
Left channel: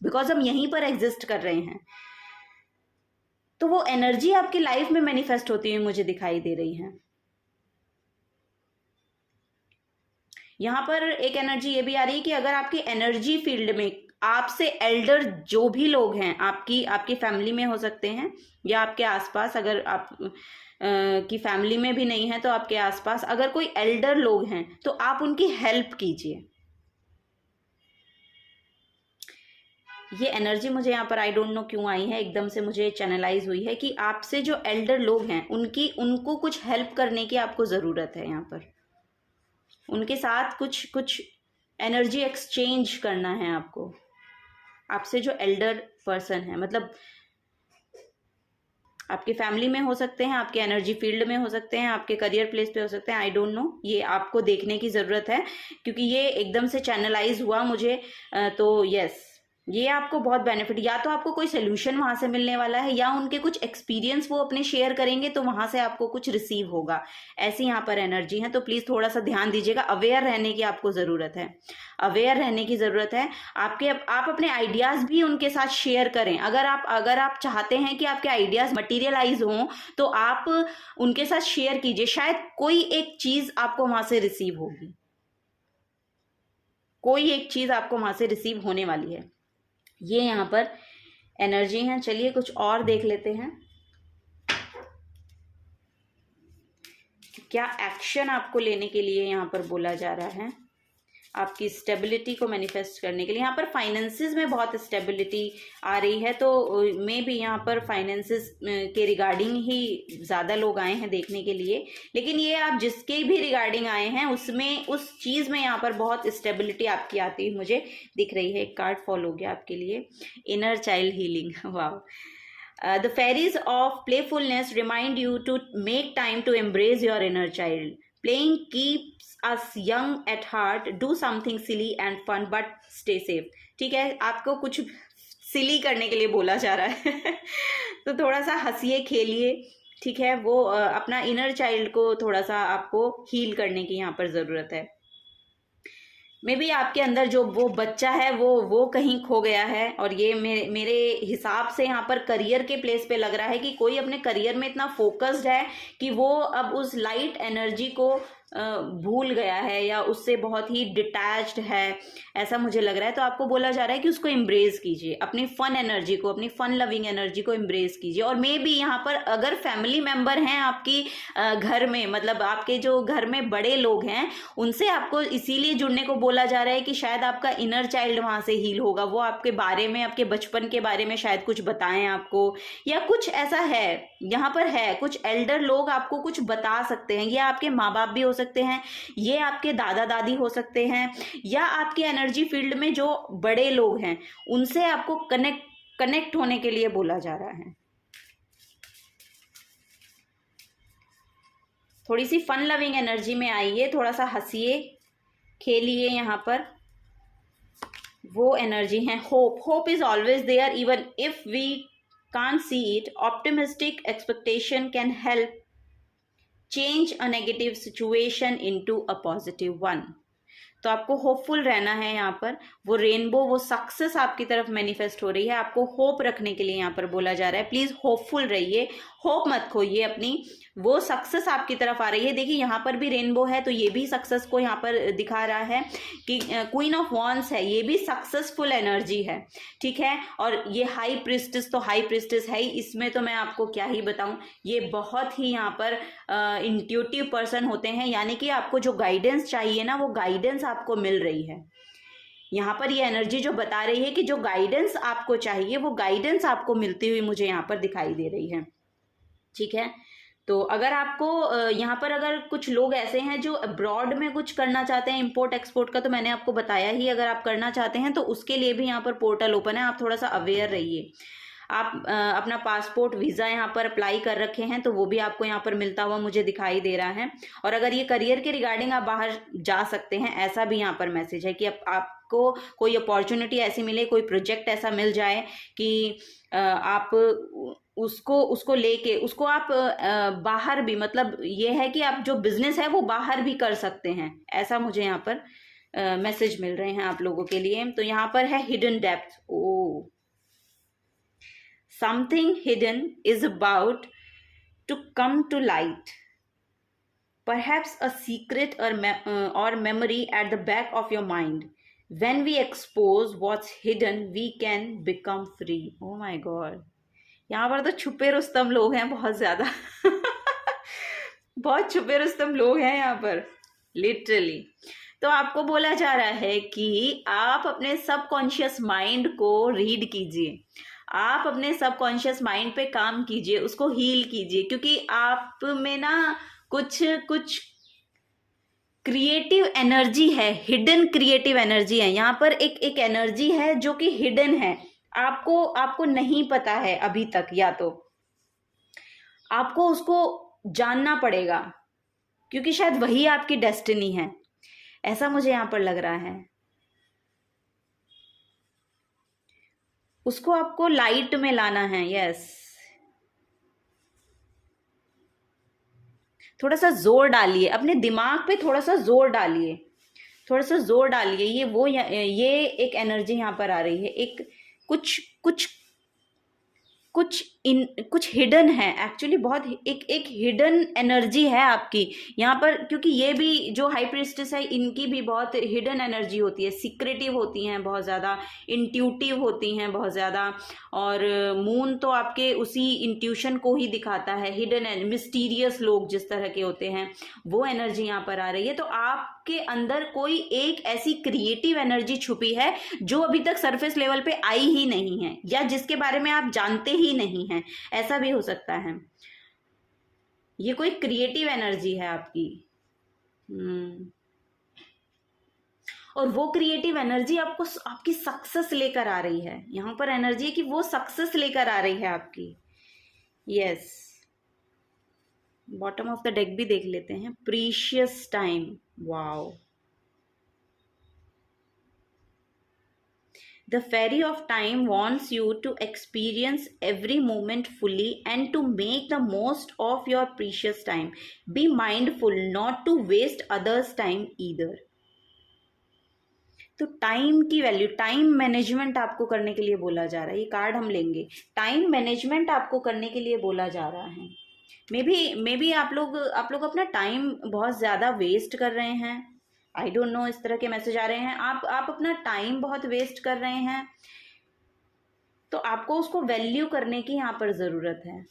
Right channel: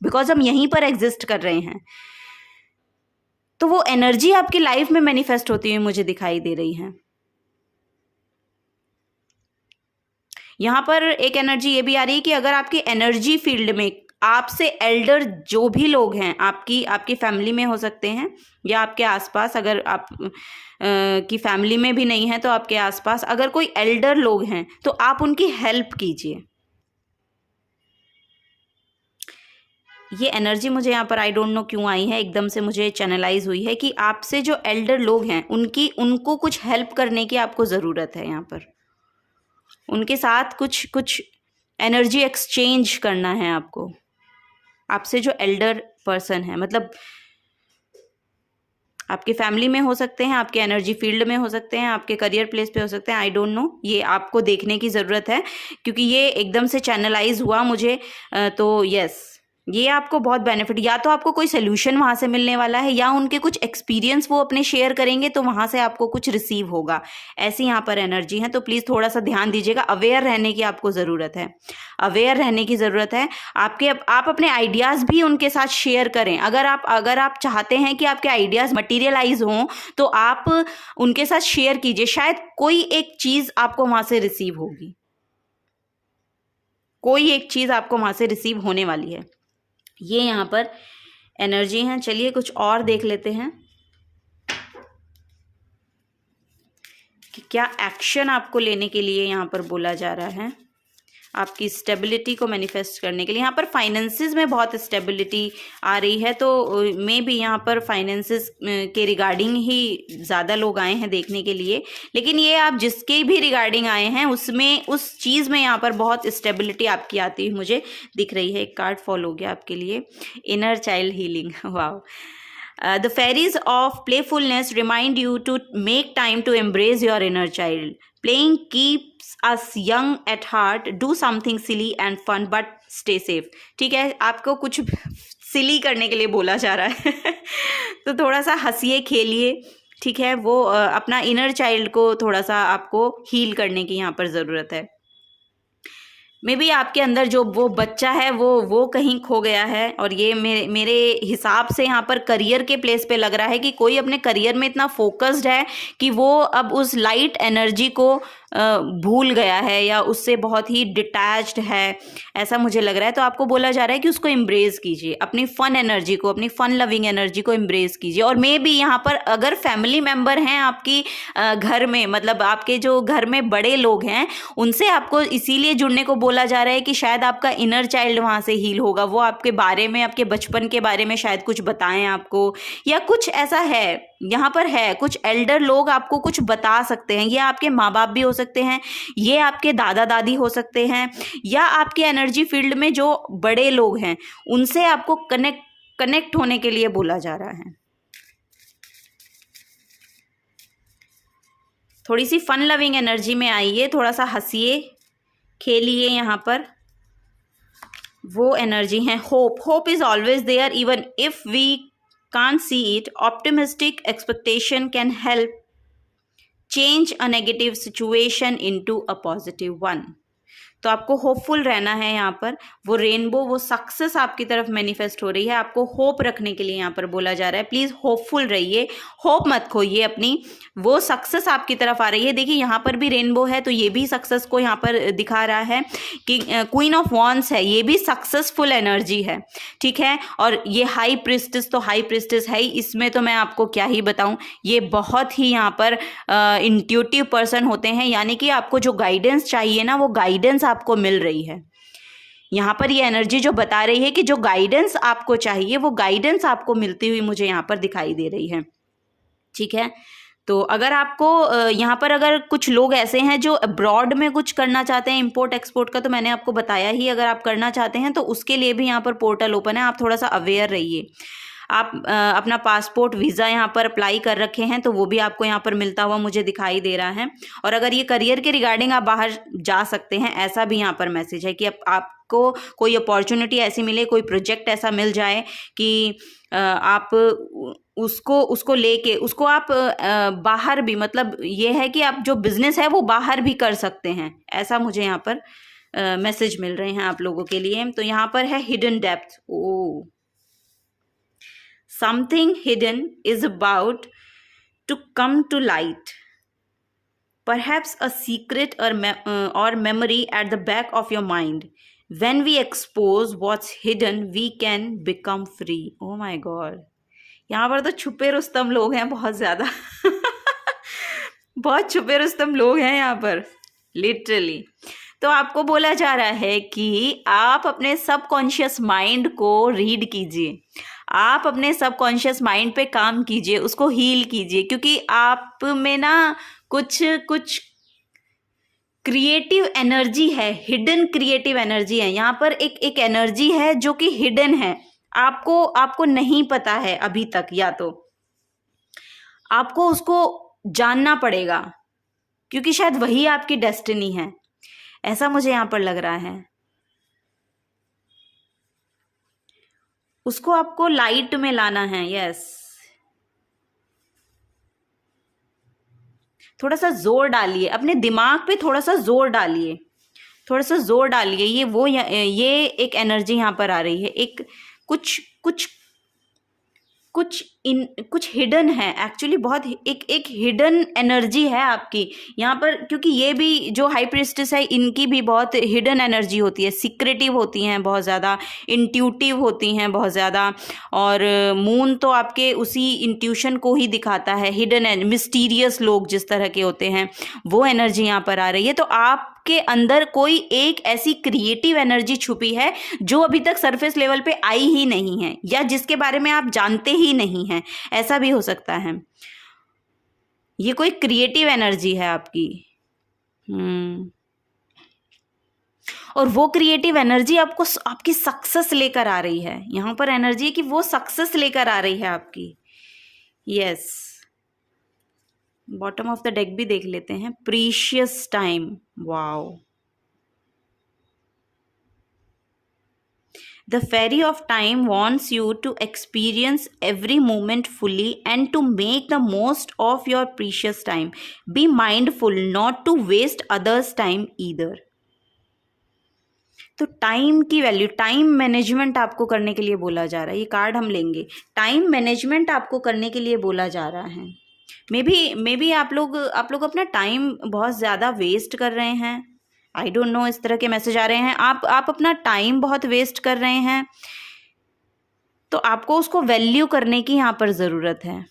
बिकॉज हम यहीं पर एग्जिस्ट कर रहे हैं। तो वो एनर्जी आपकी लाइफ में मैनिफेस्ट होती हुई मुझे दिखाई दे रही है। यहां पर एक एनर्जी ये भी आ रही है कि अगर आपकी एनर्जी फील्ड में आपसे एल्डर जो भी लोग हैं, आपकी फैमिली में हो सकते हैं या आपके आसपास, अगर आप की फैमिली में भी नहीं है तो आपके आसपास अगर कोई एल्डर लोग हैं तो आप उनकी हेल्प कीजिए। ये एनर्जी मुझे यहाँ पर आई डोंट नो क्यों आई है, एकदम से मुझे चैनलाइज हुई है कि आपसे जो एल्डर लोग हैं उनको कुछ हेल्प करने की आपको ज़रूरत है, यहाँ पर उनके साथ कुछ एनर्जी एक्सचेंज करना है आपको। आपसे जो एल्डर पर्सन है, मतलब आपकी फैमिली में हो सकते हैं, आपके एनर्जी फील्ड में हो सकते हैं, आपके करियर प्लेस पे हो सकते हैं, आई डोंट नो, ये आपको देखने की ज़रूरत है क्योंकि ये एकदम से चैनलाइज हुआ मुझे। तो यस, ये आपको बहुत बेनिफिट, या तो आपको कोई सोल्यूशन वहाँ से मिलने वाला है, या उनके कुछ एक्सपीरियंस वो अपने शेयर करेंगे तो वहाँ से आपको कुछ रिसीव होगा। ऐसी यहाँ पर एनर्जी है, तो प्लीज़ थोड़ा सा ध्यान दीजिएगा। अवेयर रहने की आपको ज़रूरत है, अवेयर रहने की ज़रूरत है। आप अपने आइडियाज़ भी उनके साथ शेयर करें। अगर आप चाहते हैं कि आपके आइडियाज़ मटीरियलाइज हों तो आप उनके साथ शेयर कीजिए, शायद कोई एक चीज़ आपको वहाँ से रिसीव होगी, कोई एक चीज़ आपको वहाँ से रिसीव होने वाली है। ये यहाँ पर एनर्जी है। चलिए कुछ और देख लेते हैं कि क्या एक्शन आपको लेने के लिए यहाँ पर बोला जा रहा है, आपकी स्टेबिलिटी को मैनिफेस्ट करने के लिए। यहाँ पर फाइनेंसेस में बहुत स्टेबिलिटी आ रही है, तो मे भी यहाँ पर फाइनेंसेस के रिगार्डिंग ही ज़्यादा लोग आए हैं देखने के लिए, लेकिन ये आप जिसके भी रिगार्डिंग आए हैं उसमें, उस चीज़ में यहाँ पर बहुत स्टेबिलिटी आपकी आती हुई मुझे दिख रही है। एक कार्ड फॉल हो गया आपके लिए, inner child healing. Wow. The fairies of playfulness remind you to make time to embrace your inner child. Playing keeps us young at heart. Do something silly and fun, but stay safe. ठीक है, आपको कुछ सिली करने के लिए बोला जा रहा है तो थोड़ा सा हंसिए, खेलिए, ठीक है। वो अपना इनर चाइल्ड को थोड़ा सा आपको हील करने की यहाँ पर ज़रूरत है। मे बी आपके अंदर जो वो बच्चा है वो कहीं खो गया है, और ये मेरे हिसाब से यहाँ पर करियर के प्लेस पे लग रहा है कि कोई अपने करियर में इतना फोकस्ड है कि वो अब उस लाइट एनर्जी को भूल गया है या उससे बहुत ही डिटैच्ड है, ऐसा मुझे लग रहा है। तो आपको बोला जा रहा है कि उसको एम्ब्रेस कीजिए, अपनी फन एनर्जी को, अपनी फन लविंग एनर्जी को एम्ब्रेस कीजिए। और मे बी यहाँ पर अगर फैमिली मेम्बर हैं आपकी घर में, मतलब आपके जो घर में बड़े लोग हैं, उनसे आपको इसीलिए जुड़ने को बोला जा रहा है कि शायद आपका इनर चाइल्ड वहाँ से हील होगा, वो आपके बारे में, आपके बचपन के बारे में शायद कुछ बताएं आपको, या कुछ ऐसा है यहाँ पर है। कुछ एल्डर लोग आपको कुछ बता सकते हैं, ये आपके माँ बाप भी हो सकते हैं, ये आपके दादा दादी हो सकते हैं, या आपके एनर्जी फील्ड में जो बड़े लोग हैं उनसे आपको कनेक्ट होने के लिए बोला जा रहा है। थोड़ी सी फन लविंग एनर्जी में आइए, थोड़ा सा हंसिए, खेलिए। यहाँ पर वो एनर्जी है hope is always there even if we can't see it. Optimistic expectation can help change a negative situation into a positive one. तो आपको होपफुल रहना है यहाँ पर। वो रेनबो, वो सक्सेस आपकी तरफ मैनिफेस्ट हो रही है, आपको होप रखने के लिए यहाँ पर बोला जा रहा है। प्लीज़ होपफुल रहिए, होप मत खोइए अपनी, वो सक्सेस आपकी तरफ आ रही है। देखिए यहाँ पर भी रेनबो है, तो ये भी सक्सेस को यहाँ पर दिखा रहा है कि क्वीन ऑफ वॉन्ड्स है, ये भी सक्सेसफुल एनर्जी है, ठीक है। और ये हाई प्रिस्टेस, तो हाई प्रिस्टेस है ही, इसमें तो मैं आपको क्या ही बताऊं, ये बहुत ही यहाँ पर इंट्यूटिव पर्सन होते हैं, यानी कि आपको जो गाइडेंस चाहिए ना, वो गाइडेंस आपको मिल रही है। यहाँ पर ये एनर्जी जो बता रही है कि जो गाइडेंस आपको चाहिए, वो गाइडेंस आपको मिलती हुई मुझे यहाँ पर दिखाई दे रही है, ठीक है। तो अगर आपको यहाँ पर अगर कुछ लोग ऐसे हैं जो अब्रॉड में कुछ करना चाहते हैं, इंपोर्ट एक्सपोर्ट का, तो मैंने आपको बताया ही, अगर आप करना चाहते हैं तो उसके लिए भी यहाँ पर पोर्टल ओपन है। आप थोड़ा सा अवेयर रहिए। आप अपना पासपोर्ट वीज़ा यहाँ पर अप्लाई कर रखे हैं, तो वो भी आपको यहाँ पर मिलता हुआ मुझे दिखाई दे रहा है। और अगर ये करियर के रिगार्डिंग आप बाहर जा सकते हैं, ऐसा भी यहाँ पर मैसेज है कि आपको कोई अपॉर्चुनिटी ऐसी मिले, कोई प्रोजेक्ट ऐसा मिल जाए कि आप उसको लेके उसको आप बाहर भी, मतलब ये है कि आप जो बिजनेस है वो बाहर भी कर सकते हैं, ऐसा मुझे यहाँ पर मैसेज मिल रहे हैं आप लोगों के लिए। तो यहाँ पर है hidden depth. Oh, something hidden is about to come to light, perhaps a secret or memory at the back of your mind. When we expose what's hidden, we can become free. Oh my god, यहाँ पर तो छुपे रुस्तम लोग हैं बहुत ज़्यादा बहुत छुपे रुस्तम लोग हैं यहाँ पर, लिटरली। तो आपको बोला जा रहा है कि आप अपने सबकॉन्शियस माइंड को रीड कीजिए, आप अपने सबकॉन्शियस माइंड पे काम कीजिए, उसको हील कीजिए, क्योंकि आप में ना कुछ क्रिएटिव एनर्जी है, हिडन क्रिएटिव एनर्जी है। यहाँ पर एक एनर्जी है जो कि हिडन है, आपको नहीं पता है अभी तक, या तो आपको उसको जानना पड़ेगा, क्योंकि शायद वही आपकी डेस्टिनी है, ऐसा मुझे यहाँ पर लग रहा है। उसको आपको लाइट में लाना है। यस, थोड़ा सा जोर डालिए, अपने दिमाग पे थोड़ा सा जोर डालिए, थोड़ा सा जोर डालिए। ये एक एनर्जी यहाँ पर आ रही है, एक कुछ हिडन है एक्चुअली, बहुत एक हिडन एनर्जी है आपकी यहाँ पर, क्योंकि ये भी जो हाई प्रिस्टेस है, इनकी भी बहुत हिडन एनर्जी होती है, सीक्रेटिव होती हैं बहुत ज़्यादा, इंट्यूटिव होती हैं बहुत ज़्यादा। और मून तो आपके उसी इंट्यूशन को ही दिखाता है। हिडन एंड मिस्टीरियस लोग जिस तरह के होते हैं, वो एनर्जी यहाँ पर आ रही है। तो आपके अंदर कोई एक ऐसी क्रिएटिव एनर्जी छुपी है जो अभी तक सरफेस लेवल पे आई ही नहीं है, या जिसके बारे में आप जानते ही नहीं हैं, ऐसा भी हो सकता है। ये कोई क्रिएटिव एनर्जी है आपकी। और वो क्रिएटिव एनर्जी आपको आपकी सक्सेस लेकर आ रही है। यहाँ पर एनर्जी है कि वो सक्सेस लेकर आ रही है आपकी। Yes, bottom of the deck भी देख लेते हैं। Precious time, wow. The fairy of time wants you to experience every moment fully and to make the most of your precious time. Be mindful not to waste others' time either. तो time की value, time management आपको करने के लिए बोला जा रहा है। ये कार्ड हम लेंगे, टाइम मैनेजमेंट आपको करने के लिए बोला जा रहा है। मे बी आप लोग अपना टाइम बहुत ज़्यादा वेस्ट कर रहे हैं। आई डोंट नो, इस तरह के मैसेज आ रहे हैं। आप अपना टाइम बहुत वेस्ट कर रहे हैं, तो आपको उसको वैल्यू करने की यहाँ पर ज़रूरत है।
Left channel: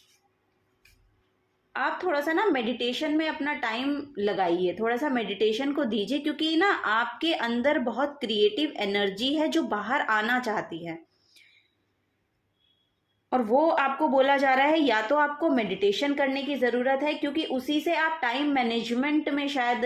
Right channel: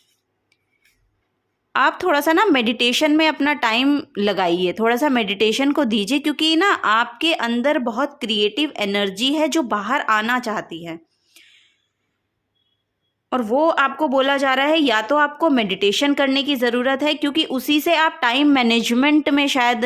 आप थोड़ा सा ना मेडिटेशन में अपना टाइम लगाइए, थोड़ा सा मेडिटेशन को दीजिए, क्योंकि ना आपके अंदर बहुत क्रिएटिव एनर्जी है जो बाहर आना चाहती है। और वो आपको बोला जा रहा है, या तो आपको मेडिटेशन करने की ज़रूरत है, क्योंकि उसी से आप टाइम मैनेजमेंट में शायद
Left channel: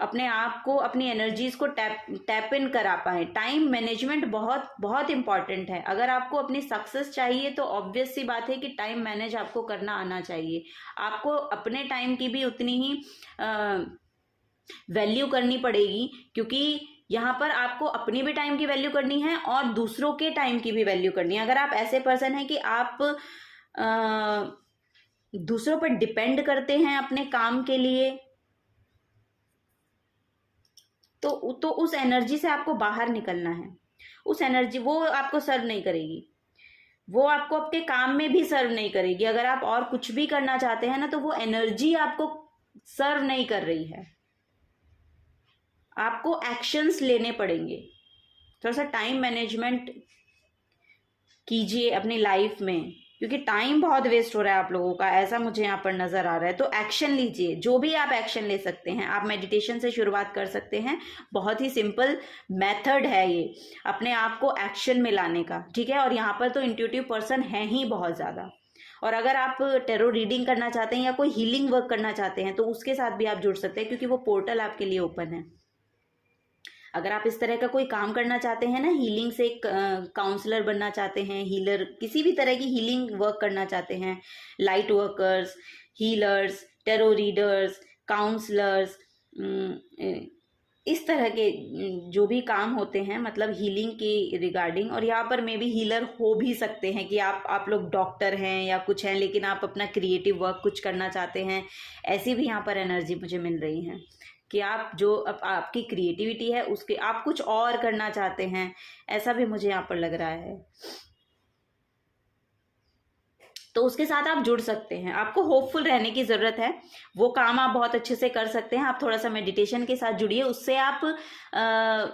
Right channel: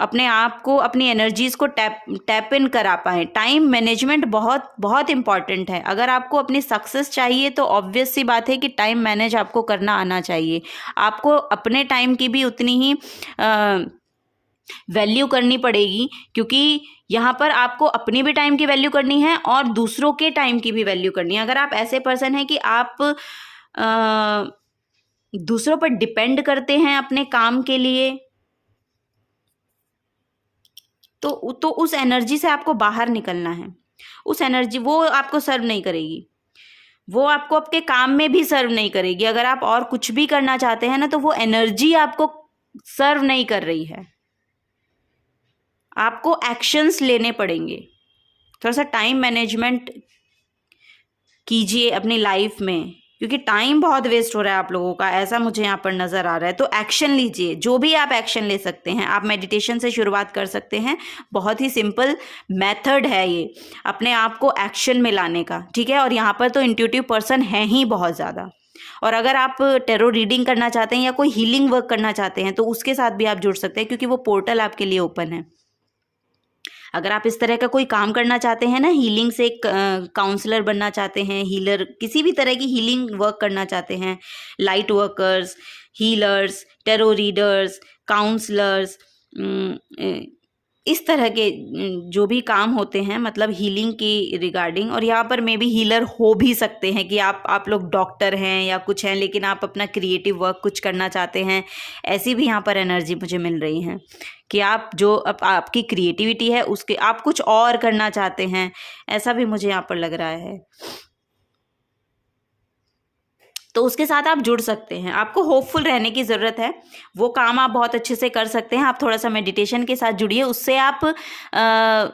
अपने आप को, अपनी एनर्जीज़ को टैप इन करा पाएँ। टाइम मैनेजमेंट बहुत बहुत इम्पॉर्टेंट है। अगर आपको अपनी सक्सेस चाहिए तो ऑब्वियस सी बात है कि टाइम मैनेज आपको करना आना चाहिए। आपको अपने टाइम की भी उतनी ही वैल्यू करनी पड़ेगी, क्योंकि यहाँ पर आपको अपनी भी टाइम की वैल्यू करनी है और दूसरों के टाइम की भी वैल्यू करनी है। अगर आप ऐसे पर्सन हैं कि आप दूसरों पर डिपेंड करते हैं अपने काम के लिए, तो उस एनर्जी से आपको बाहर निकलना है। उस एनर्जी वो आपको सर्व नहीं करेगी, वो आपको आपके काम में भी सर्व नहीं करेगी। अगर आप और कुछ भी करना चाहते हैं ना, तो वो एनर्जी आपको सर्व नहीं कर रही है। आपको एक्शंस लेने पड़ेंगे। थोड़ा सा टाइम मैनेजमेंट कीजिए अपनी लाइफ में, क्योंकि टाइम बहुत वेस्ट हो रहा है आप लोगों का, ऐसा मुझे यहाँ पर नज़र आ रहा है। तो एक्शन लीजिए, जो भी आप एक्शन ले सकते हैं। आप मेडिटेशन से शुरुआत कर सकते हैं, बहुत ही सिंपल मेथड है ये अपने आप को एक्शन में लाने का, ठीक है। और यहाँ पर तो इंट्यूटिव पर्सन है ही बहुत ज़्यादा। और अगर आप टेरो रीडिंग करना चाहते हैं या कोई हीलिंग वर्क करना चाहते हैं, तो उसके साथ भी आप जुड़ सकते हैं, क्योंकि वो पोर्टल आपके लिए ओपन है। अगर आप इस तरह का कोई काम करना चाहते हैं ना, हीलिंग से काउंसलर बनना चाहते हैं, हीलर, किसी भी तरह की हीलिंग वर्क करना चाहते हैं, light workers, healers, tarot readers, counsellors, इस तरह के जो भी काम होते हैं, मतलब हीलिंग की रिगार्डिंग। और यहाँ पर मे भी हीलर हो भी सकते हैं कि आप लोग डॉक्टर हैं या कुछ हैं, लेकिन आप अपना क्रिएटिव वर्क कुछ करना चाहते हैं, ऐसी भी यहाँ पर एनर्जी मुझे मिल रही है कि आप जो आपकी क्रिएटिविटी है उसके आप कुछ और करना चाहते हैं, ऐसा भी मुझे यहाँ पर लग रहा है। तो उसके साथ आप जुड़ सकते हैं। आपको होपफुल रहने की ज़रूरत है, वो काम आप बहुत अच्छे से कर सकते हैं। आप थोड़ा सा मेडिटेशन के साथ जुड़िए, उससे आप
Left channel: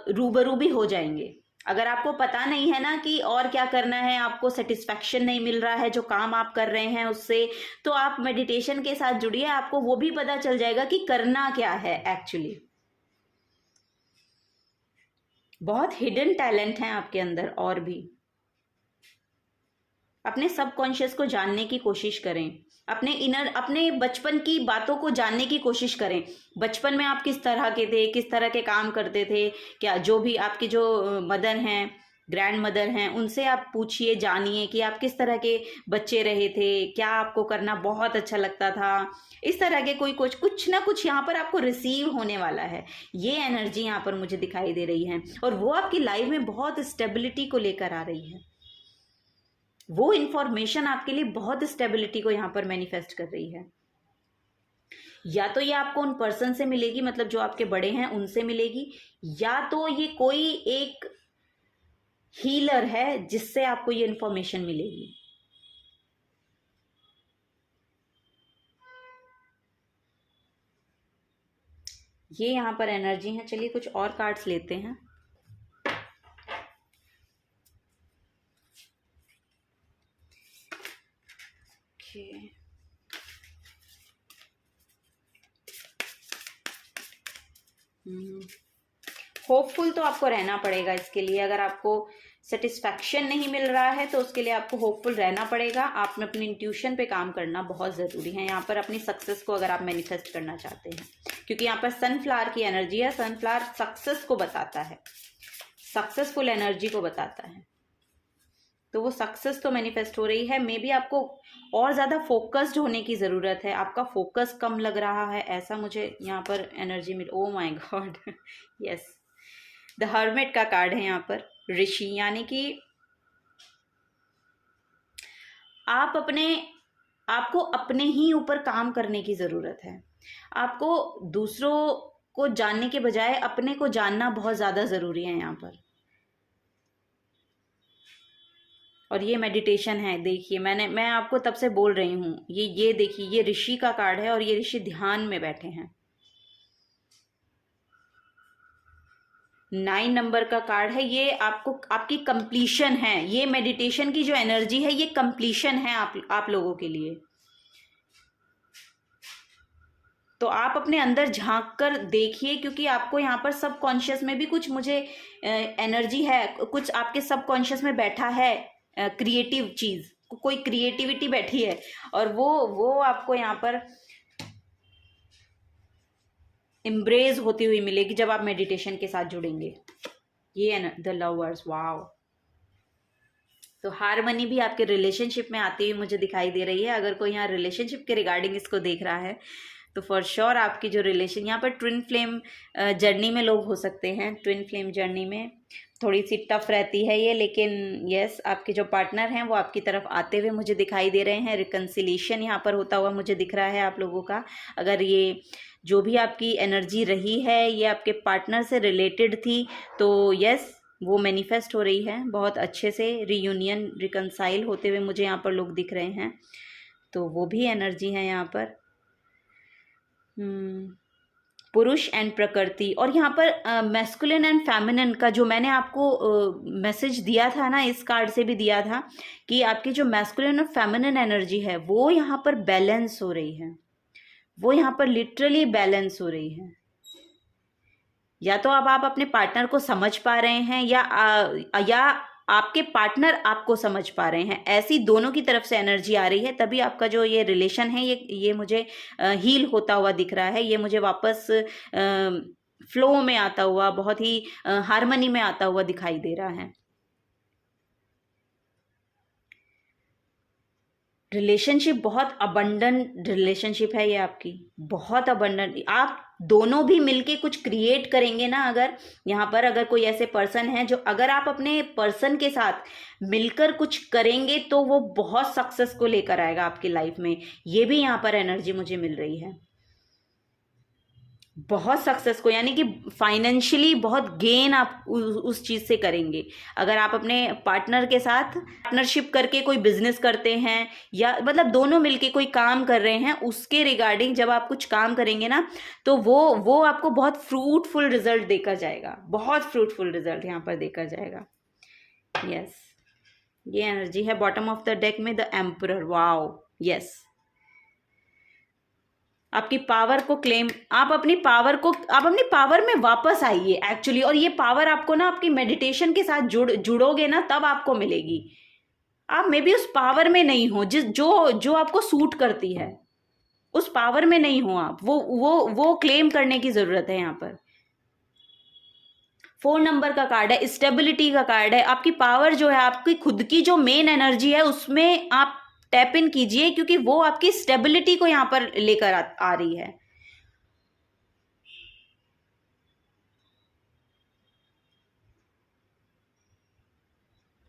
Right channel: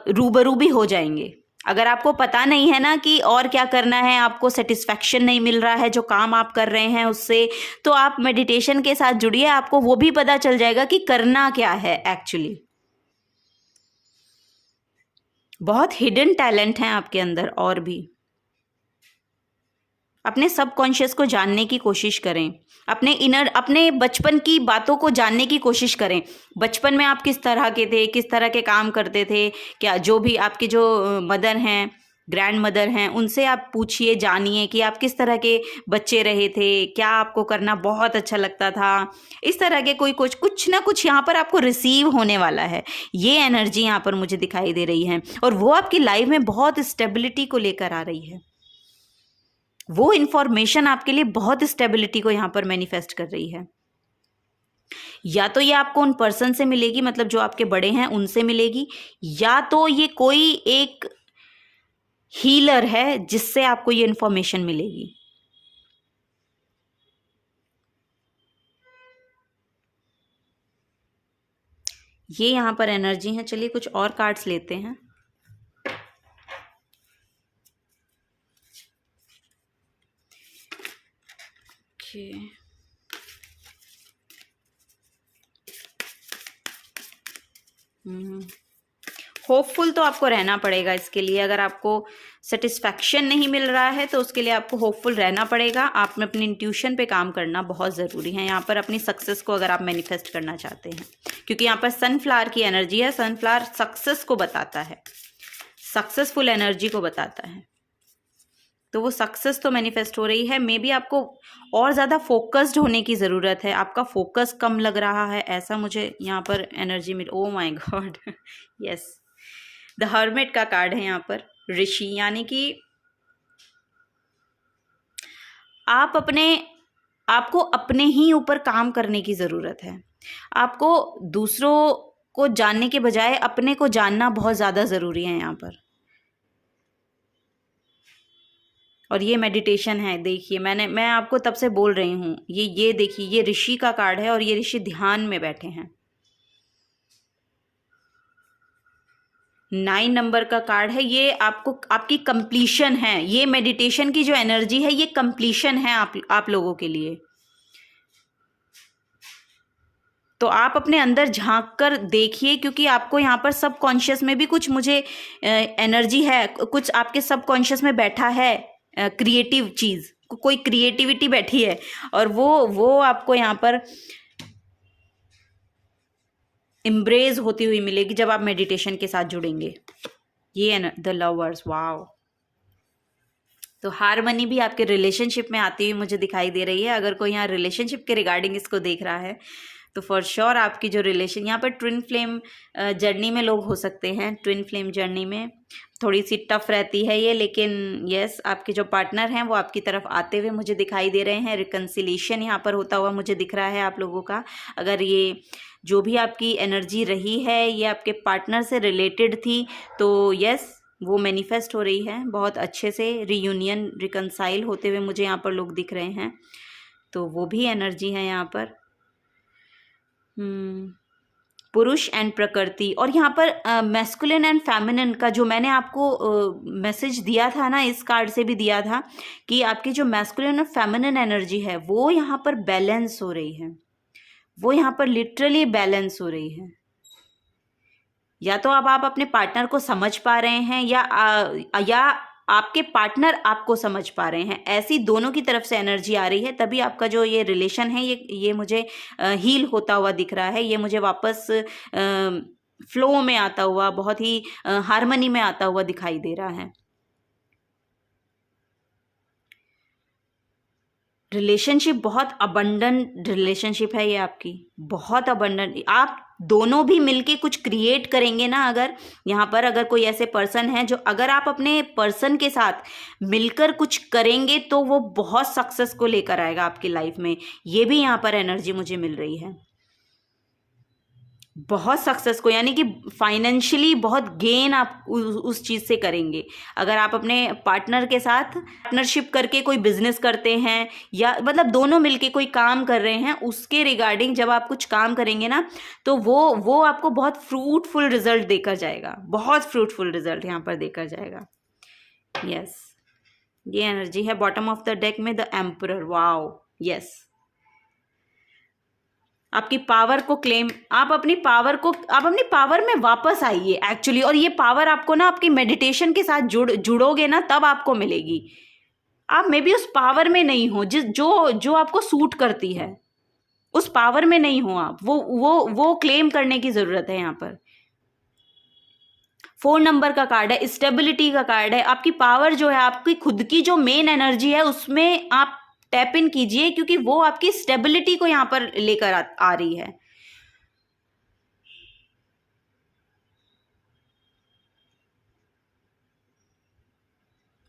रूबरू भी हो जाएंगे। अगर आपको पता नहीं है ना कि और क्या करना है, आपको सेटिस्फैक्शन नहीं मिल रहा है जो काम आप कर रहे हैं उससे, तो आप मेडिटेशन के साथ जुड़िए, आपको वो भी पता चल जाएगा कि करना क्या है एक्चुअली। बहुत हिडन टैलेंट हैं आपके अंदर और भी। अपने सबकॉन्शियस को जानने की कोशिश करें, अपने बचपन की बातों को जानने की कोशिश करें। बचपन में आप किस तरह के थे, किस तरह के काम करते थे, क्या जो भी आपके जो मदर हैं, ग्रैंड मदर हैं, उनसे आप पूछिए, जानिए कि आप किस तरह के बच्चे रहे थे, क्या आपको करना बहुत अच्छा लगता था। इस तरह के कुछ ना कुछ यहाँ पर आपको रिसीव होने वाला है। ये एनर्जी यहाँ पर मुझे दिखाई दे रही है, और वो आपकी लाइफ में बहुत स्टेबिलिटी को लेकर आ रही है। वो इंफॉर्मेशन आपके लिए बहुत स्टेबिलिटी को यहाँ पर मैनिफेस्ट कर रही है। या तो ये आपको उन पर्सन से मिलेगी, मतलब जो आपके बड़े हैं उनसे मिलेगी, या तो ये कोई एक हीलर है जिससे आपको ये इंफॉर्मेशन मिलेगी। ये यहाँ पर एनर्जी है। चलिए कुछ और कार्ड्स लेते हैं। होपफुल तो आपको रहना पड़ेगा इसके लिए। अगर आपको सेटिस्फैक्शन नहीं मिल रहा है तो उसके लिए आपको होपफुल रहना पड़ेगा। आप में अपनी इंट्यूशन पे काम करना बहुत ज़रूरी है यहाँ पर, अपनी सक्सेस को अगर आप मैनिफेस्ट करना चाहते हैं, क्योंकि यहाँ पर सनफ्लावर की एनर्जी है। सनफ्लावर सक्सेस को बताता है, सक्सेसफुल एनर्जी को बताता है। तो वो सक्सेस तो मैनिफेस्ट हो रही है। मे बी आपको और ज़्यादा फोकस्ड होने की ज़रूरत है, आपका फोकस कम लग रहा है, ऐसा मुझे यहाँ पर energy mill. Oh my God, yes, the hermit का कार्ड है यहाँ पर, ऋषि, यानी कि आपको अपने ही ऊपर काम करने की ज़रूरत है। आपको दूसरों को जानने के बजाय अपने को जानना बहुत ज़्यादा ज़रूरी है यहाँ पर। और ये मेडिटेशन है। देखिए मैं आपको तब से बोल रही हूँ, ये देखिए, ये ऋषि का कार्ड है और ये ऋषि ध्यान में बैठे हैं। 9 नंबर का कार्ड है। ये आपकी कंप्लीशन है। ये मेडिटेशन की जो एनर्जी है ये कंप्लीशन है आप लोगों के लिए। तो आप अपने अंदर झांक कर देखिए, क्योंकि आपको यहाँ पर सबकॉन्शियस में भी कुछ मुझे एनर्जी है, कुछ आपके सबकॉन्शियस में बैठा है क्रिएटिव चीज़, कोई क्रिएटिविटी बैठी है, और वो आपको यहाँ पर एम्ब्रेस होती हुई मिलेगी जब आप मेडिटेशन के साथ जुड़ेंगे। ये है ना द लवर्स, वाव। तो हारमनी भी आपके रिलेशनशिप में आती हुई मुझे दिखाई दे रही है। अगर कोई यहाँ रिलेशनशिप के रिगार्डिंग इसको देख रहा है तो फॉर श्योर आपकी जो रिलेशन, यहाँ पर ट्विन फ्लेम जर्नी में लोग हो सकते हैं। ट्विन फ्लेम जर्नी में थोड़ी सी टफ रहती है ये, लेकिन यस, आपके जो पार्टनर हैं वो आपकी तरफ आते हुए मुझे दिखाई दे रहे हैं। रिकन्सिलेशन यहाँ पर होता हुआ मुझे दिख रहा है आप लोगों का। अगर ये जो भी आपकी एनर्जी रही है ये आपके पार्टनर से रिलेटेड थी, तो यस वो मैनिफेस्ट हो रही है बहुत अच्छे से। रियूनियन, रिकंसाइल होते हुए मुझे यहाँ पर लोग दिख रहे हैं, तो वो भी एनर्जी है यहाँ पर। पुरुष एंड प्रकृति, और यहाँ पर मैस्कुलिन एंड फेमिनिन का जो मैंने आपको मैसेज दिया था ना, इस कार्ड से भी दिया था कि आपकी जो मैस्कुलिन और फेमिनिन एनर्जी है वो यहाँ पर बैलेंस हो रही है, वो यहाँ पर लिटरली बैलेंस हो रही है। या तो अब आप अपने पार्टनर को समझ पा रहे हैं या आपके पार्टनर आपको समझ पा रहे हैं, ऐसी दोनों की तरफ से एनर्जी आ रही है। तभी आपका जो ये रिलेशन है ये मुझे हील होता हुआ दिख रहा है, ये मुझे वापस फ्लो में आता हुआ, बहुत ही हार्मनी में आता हुआ दिखाई दे रहा है। रिलेशनशिप बहुत अबंडेंट रिलेशनशिप है ये आपकी, बहुत अबंडेंट। आप दोनों भी मिलके कुछ क्रिएट करेंगे ना, अगर यहाँ पर अगर कोई ऐसे पर्सन है जो, अगर आप अपने पर्सन के साथ मिलकर कुछ करेंगे तो वो बहुत सक्सेस को लेकर आएगा आपकी लाइफ में। ये भी यहाँ पर एनर्जी मुझे मिल रही है, बहुत सक्सेस को, यानी कि फाइनेंशियली बहुत गेन आप उस चीज़ से करेंगे। अगर आप अपने पार्टनर के साथ पार्टनरशिप करके कोई बिजनेस करते हैं, या मतलब दोनों मिलके कोई काम कर रहे हैं, उसके रिगार्डिंग जब आप कुछ काम करेंगे ना, तो वो आपको बहुत फ्रूटफुल रिजल्ट देकर जाएगा, बहुत फ्रूटफुल रिजल्ट यहाँ पर देकर जाएगा। यस, ये एनर्जी है बॉटम ऑफ द डेक में द एम्परर। वाओ, यस, आपकी पावर को क्लेम, आप अपनी पावर में वापस आइए एक्चुअली। और ये पावर आपको ना आपकी मेडिटेशन के साथ जुड़ोगे ना, तब आपको मिलेगी। आप मे बी उस पावर में नहीं हो जो आपको सूट करती है, उस पावर में नहीं हो आप, वो क्लेम करने की जरूरत है यहाँ पर। 4 नंबर का कार्ड है, स्टेबिलिटी का कार्ड है। आपकी पावर जो है, आपकी खुद की जो मेन एनर्जी है, उसमें आप टैप इन कीजिए, क्योंकि वो आपकी स्टेबिलिटी को यहां पर लेकर आ रही है।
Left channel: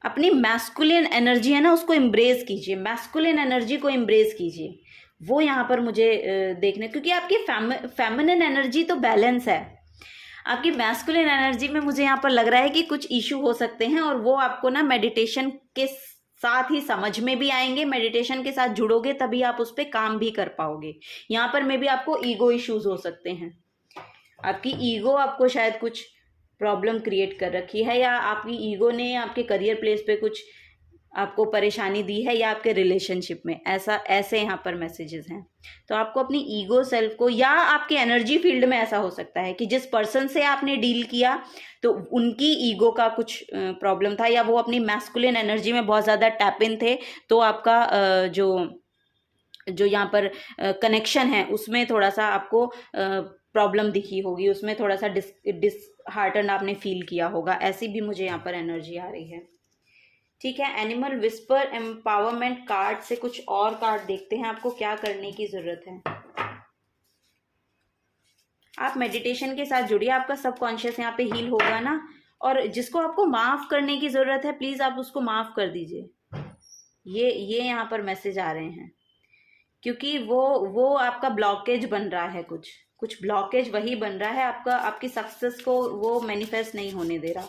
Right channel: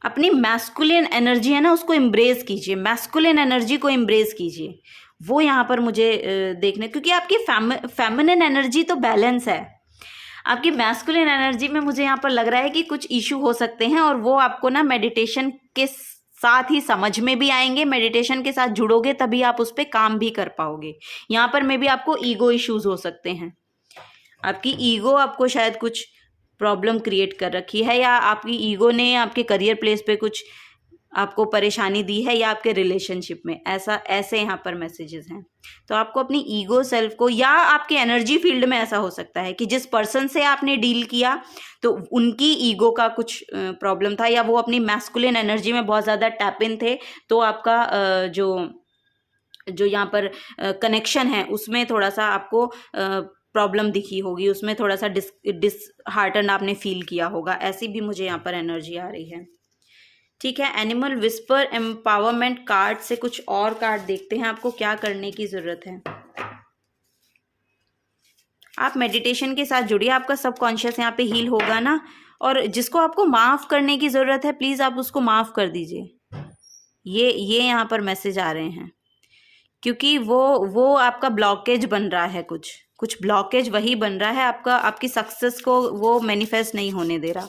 अपनी मैस्कुलिन एनर्जी है ना, उसको एम्ब्रेस कीजिए, मैस्कुलिन एनर्जी को एम्ब्रेस कीजिए। वो यहां पर मुझे देखने, क्योंकि आपकी फेमिनिन एनर्जी तो बैलेंस है, आपकी मैस्कुलिन एनर्जी में मुझे यहाँ पर लग रहा है कि कुछ इशू हो सकते हैं, और वो आपको ना मेडिटेशन के साथ ही समझ में भी आएंगे। मेडिटेशन के साथ जुड़ोगे तभी आप उस पर काम भी कर पाओगे। यहाँ पर मे बी आपको ईगो इश्यूज हो सकते हैं, आपकी ईगो आपको शायद कुछ प्रॉब्लम क्रिएट कर रखी है, या आपकी ईगो ने आपके करियर प्लेस पे कुछ आपको परेशानी दी है, या आपके रिलेशनशिप में, ऐसे यहाँ पर मैसेजेस हैं। तो आपको अपनी ईगो सेल्फ को, या आपके एनर्जी फील्ड में ऐसा हो सकता है कि जिस पर्सन से आपने डील किया तो उनकी ईगो का कुछ प्रॉब्लम था, या वो अपनी मैस्कुलिन एनर्जी में बहुत ज़्यादा टैप इन थे, तो आपका जो यहाँ पर कनेक्शन है उसमें थोड़ा सा आपको प्रॉब्लम दिखी होगी, उसमें थोड़ा सा डिसहार्टन आपने फील किया होगा। ऐसी भी मुझे यहाँ पर एनर्जी आ रही है। ठीक है, एनिमल विस्पर एम्पावरमेंट कार्ड से कुछ और कार्ड देखते हैं, आपको क्या करने की जरूरत है। आप मेडिटेशन के साथ जुड़िए, आपका सबकॉन्शियस यहाँ पे हील होगा ना, और जिसको आपको माफ करने की जरूरत है, प्लीज आप उसको माफ कर दीजिए। ये यहाँ पर मैसेज आ रहे हैं, क्योंकि वो आपका ब्लॉकेज बन रहा है, कुछ ब्लॉकेज वही बन रहा है आपका, आपकी सक्सेस को वो मैनिफेस्ट नहीं होने दे रहा।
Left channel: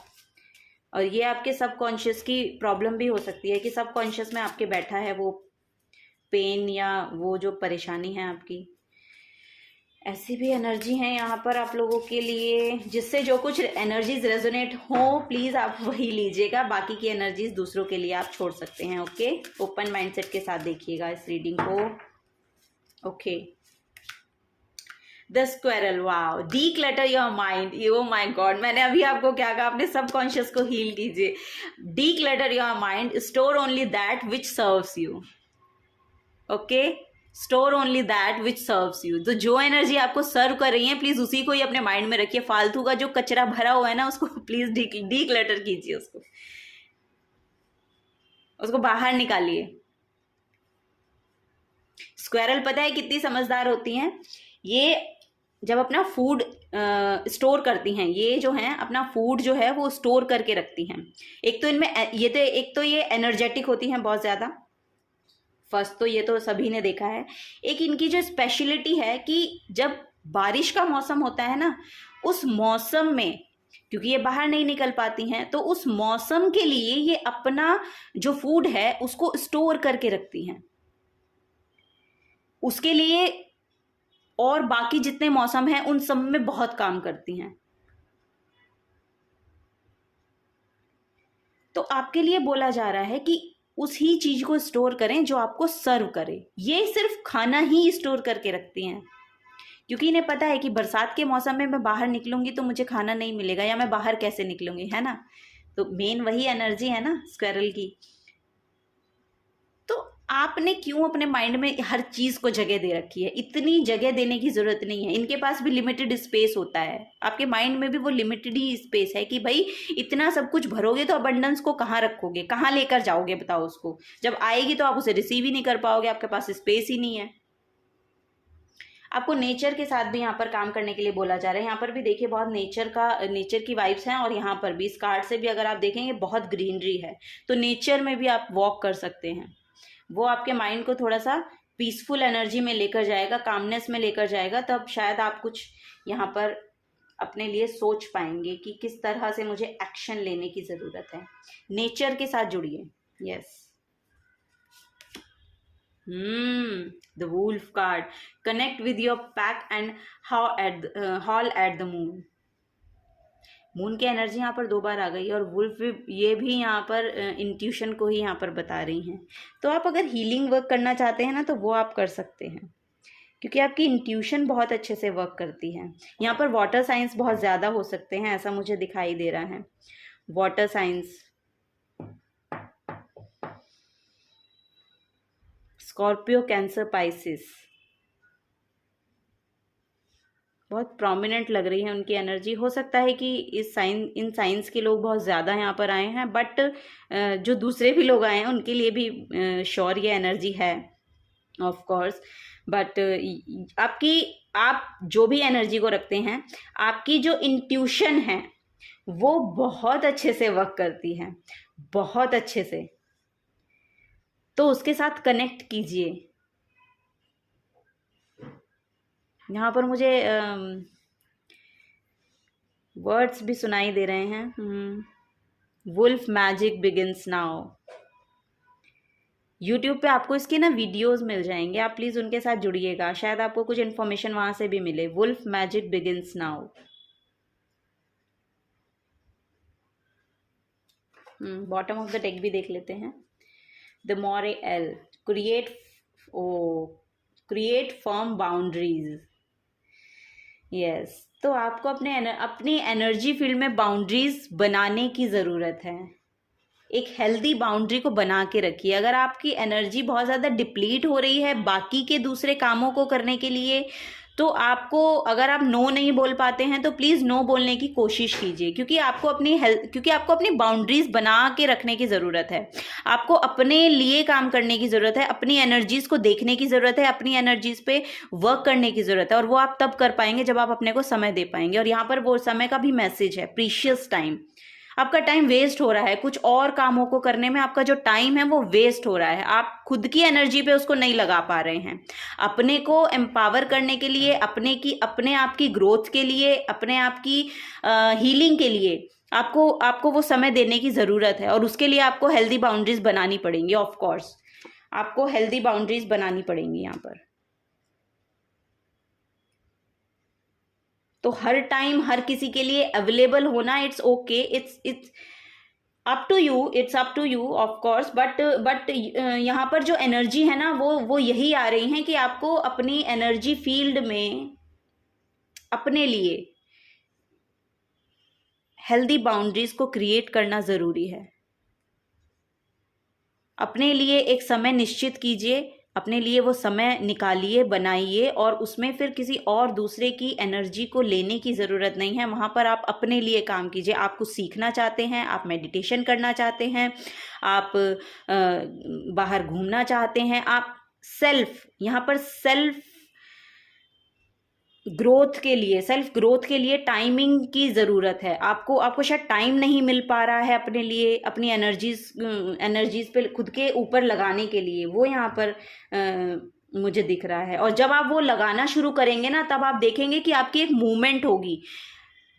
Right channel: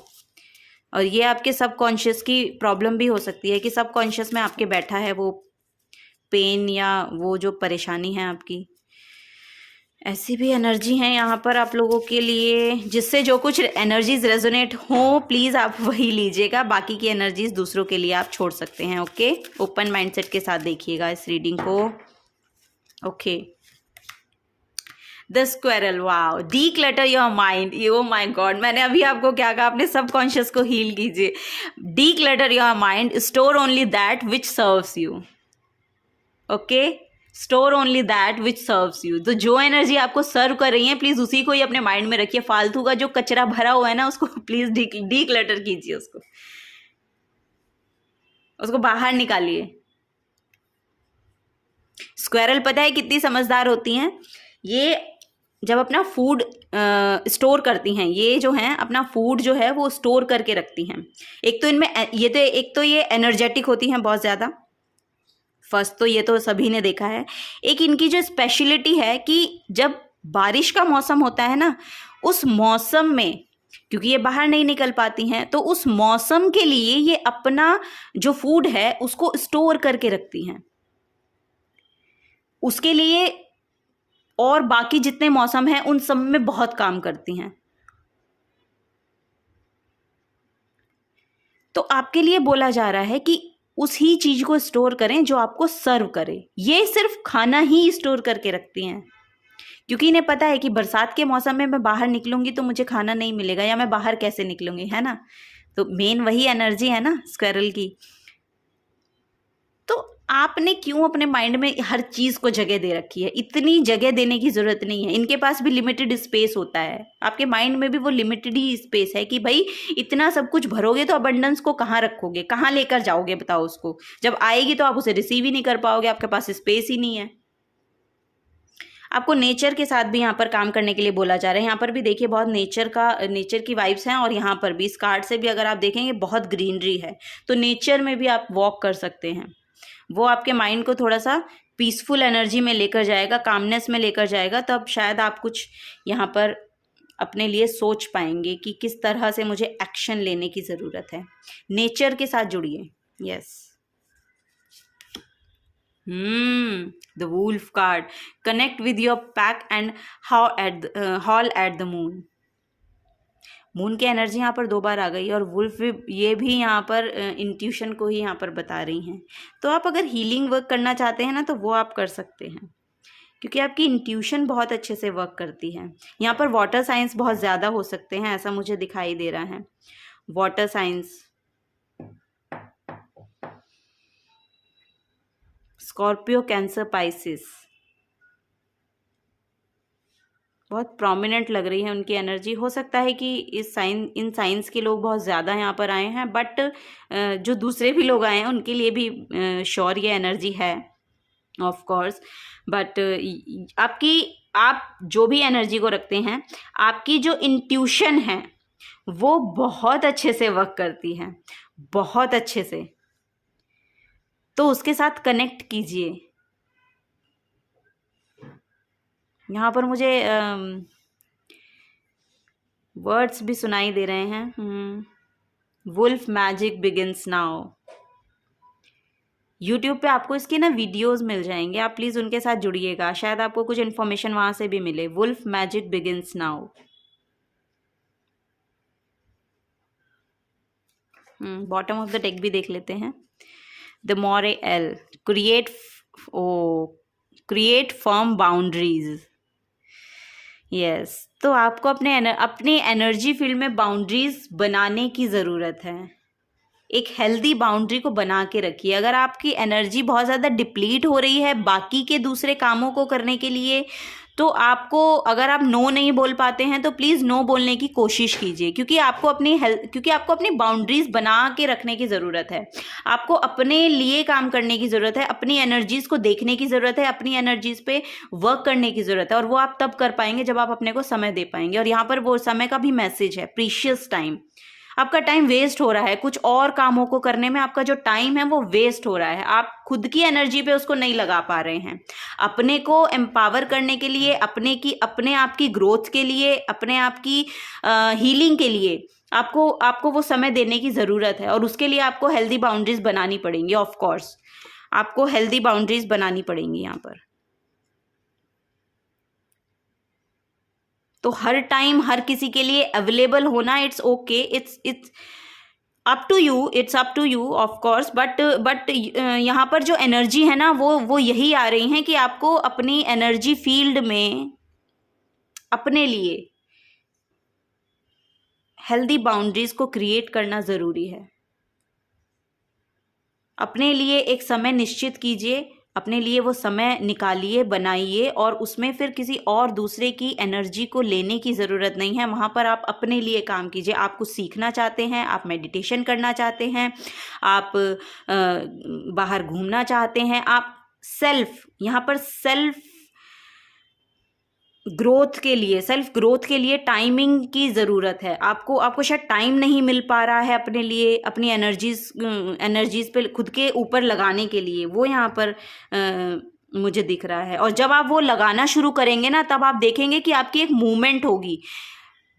और ये आपके सबकॉन्शियस की प्रॉब्लम भी हो सकती है कि सबकॉन्शियस में आपके बैठा है वो पेन या वो जो परेशानी है आपकी। ऐसी भी एनर्जी है यहाँ पर आप लोगों के लिए, जिससे जो कुछ एनर्जीज रेजोनेट हो प्लीज़ आप वही लीजिएगा, बाकी की एनर्जीज दूसरों के लिए आप छोड़ सकते हैं। ओके, ओपन माइंडसेट के साथ देखिएगा इस रीडिंग को। Okay, the squirrel, wow, declutter your mind. Oh my God, मैंने अभी आपको क्या कहा, अपने सबकॉन्शियस को हील कीजिए। Declutter your mind, store only that which serves you. Okay, store only that which serves you. तो जो एनर्जी आपको सर्व कर रही है प्लीज उसी को ही अपने माइंड में रखिए। फालतू का जो कचरा भरा हुआ है ना, उसको प्लीज डीक्लटर कीजिए, उसको बाहर निकालिए। स्क्वेरल पता है कितनी समझदार होती हैं, ये जब अपना फूड स्टोर करती हैं, ये जो हैं अपना फूड जो है वो स्टोर करके रखती हैं। एक तो इनमें एक तो ये एनर्जेटिक होती हैं बहुत ज़्यादा, फर्स्ट तो ये तो सभी ने देखा है। एक इनकी जो स्पेशलिटी है कि जब बारिश का मौसम होता है ना, उस मौसम में क्योंकि ये बाहर नहीं निकल पाती हैं, तो उस मौसम के लिए ये अपना जो फूड है उसको स्टोर करके रखती हैं, उसके लिए। और बाकी जितने मौसम हैं उन सब में बहुत काम करती हैं। तो आपके लिए बोला जा रहा है कि उस ही चीज को स्टोर करें जो आपको सर्व करे। ये सिर्फ खाना ही स्टोर करके रखती हैं, क्योंकि इन्हें पता है कि बरसात के मौसम में मैं बाहर निकलूंगी तो मुझे खाना नहीं मिलेगा, या मैं बाहर कैसे निकलूंगी, है ना। तो मेन वही एनर्जी है ना स्क्वायरल की। तो आपने क्यों अपने माइंड में हर चीज को जगह दे रखी है? इतनी जगह देने की जरूरत नहीं है। इनके पास भी लिमिटेड स्पेस होता है, आपके माइंड में भी वो लिमिटेड ही स्पेस है कि भाई इतना सब कुछ भरोगे तो अबंडेंस को कहाँ रखोगे, कहाँ लेकर जाओगे, बताओ उसको। जब आएगी तो आप उसे रिसीव ही नहीं कर पाओगे, आपके पास स्पेस ही नहीं है। आपको नेचर के साथ भी यहाँ पर काम करने के लिए बोला जा रहा है। यहाँ पर भी देखिए बहुत नेचर की वाइब्स हैं, और यहाँ पर भी इस कार्ड से भी अगर आप देखेंगे बहुत ग्रीनरी है, तो नेचर में भी आप वॉक कर सकते हैं। वो आपके माइंड को थोड़ा सा पीसफुल एनर्जी में लेकर जाएगा, कामनेस में लेकर जाएगा। तब शायद आप कुछ यहाँ पर अपने लिए सोच पाएंगे कि किस तरह से मुझे एक्शन लेने की ज़रूरत है। नेचर के साथ जुड़िए। Yes, the wolf card, connect with your pack and howl at the moon. Moon की एनर्जी यहाँ पर 2 बार आ गई, और वुल्फ ये भी यहाँ पर इंट्यूशन को ही यहाँ पर बता रही हैं। तो आप अगर हीलिंग वर्क करना चाहते हैं ना, तो वो आप कर सकते हैं, क्योंकि आपकी इंट्यूशन बहुत अच्छे से वर्क करती है। यहाँ पर वाटर साइंस बहुत ज़्यादा हो सकते हैं, ऐसा मुझे दिखाई दे रहा है। Water science, Scorpio, cancer, Pisces, बहुत प्रोमिनेंट लग रही है उनकी एनर्जी। हो सकता है कि इन साइंस के लोग बहुत ज़्यादा यहाँ पर आए हैं, बट जो दूसरे भी लोग आए हैं उनके लिए भी श्योर ये एनर्जी है ऑफ कोर्स। बट आप जो भी एनर्जी को रखते हैं, आपकी जो इंट्यूशन है वो बहुत अच्छे से वर्क करती है, बहुत अच्छे से। तो उसके साथ कनेक्ट कीजिए। यहाँ पर मुझे वर्ड्स भी सुनाई दे रहे हैं। Wolf magic begins now. YouTube पे आपको इसके ना वीडियोस मिल जाएंगे, आप प्लीज़ उनके साथ जुड़िएगा, शायद आपको कुछ इन्फॉर्मेशन वहाँ से भी मिले। Wolf magic begins now. Bottom of the deck भी देख लेते हैं। The moral, create firm boundaries. Yes, तो आपको अपनी एनर्जी फील्ड में बाउंड्रीज बनाने की ज़रूरत है। एक हेल्दी बाउंड्री को बना के रखिए। अगर आपकी एनर्जी बहुत ज़्यादा डिप्लीट हो रही है बाकी के दूसरे कामों को करने के लिए, तो आपको, अगर आप नो नहीं बोल पाते हैं तो प्लीज़ नो बोलने की कोशिश कीजिए, क्योंकि आपको अपनी बाउंड्रीज बना के रखने की ज़रूरत है। आपको अपने लिए काम करने की ज़रूरत है, अपनी एनर्जीज़ को देखने की ज़रूरत है, अपनी एनर्जीज़ पे वर्क करने की ज़रूरत है। और वो आप तब कर पाएंगे जब आप अपने को समय दे पाएंगे। और यहाँ पर वो समय का भी मैसेज है, प्रीशियस टाइम। आपका टाइम वेस्ट हो रहा है कुछ और कामों को करने में, आपका जो टाइम है वो वेस्ट हो रहा है, आप खुद की एनर्जी पे उसको नहीं लगा पा रहे हैं। अपने को एम्पावर करने के लिए, अपने आप की ग्रोथ के लिए, अपने आप की हीलिंग के लिए आपको वो समय देने की ज़रूरत है। और उसके लिए आपको हेल्दी बाउंड्रीज बनानी पड़ेंगी। ऑफ कोर्स आपको हेल्दी बाउंड्रीज बनानी पड़ेंगी यहाँ पर। तो हर टाइम हर किसी के लिए अवेलेबल होना, it's okay, it's up to you of course. But यहाँ पर जो एनर्जी है ना, वो यही आ रही है कि आपको अपनी एनर्जी फील्ड में अपने लिए हेल्दी बाउंड्रीज को क्रिएट करना ज़रूरी है। अपने लिए एक समय निश्चित कीजिए, अपने लिए वो समय निकालिए, बनाइए, और उसमें फिर किसी और दूसरे की एनर्जी को लेने की ज़रूरत नहीं है। वहाँ पर आप अपने लिए काम कीजिए। आप कुछ सीखना चाहते हैं, आप मेडिटेशन करना चाहते हैं, आप बाहर घूमना चाहते हैं, आप यहाँ पर सेल्फ ग्रोथ के लिए टाइमिंग की ज़रूरत है। आपको शायद टाइम नहीं मिल पा रहा है अपने लिए, अपनी एनर्जीज पे खुद के ऊपर लगाने के लिए। वो यहाँ पर मुझे दिख रहा है। और जब आप वो लगाना शुरू करेंगे ना, तब आप देखेंगे कि आपकी एक मूवमेंट होगी,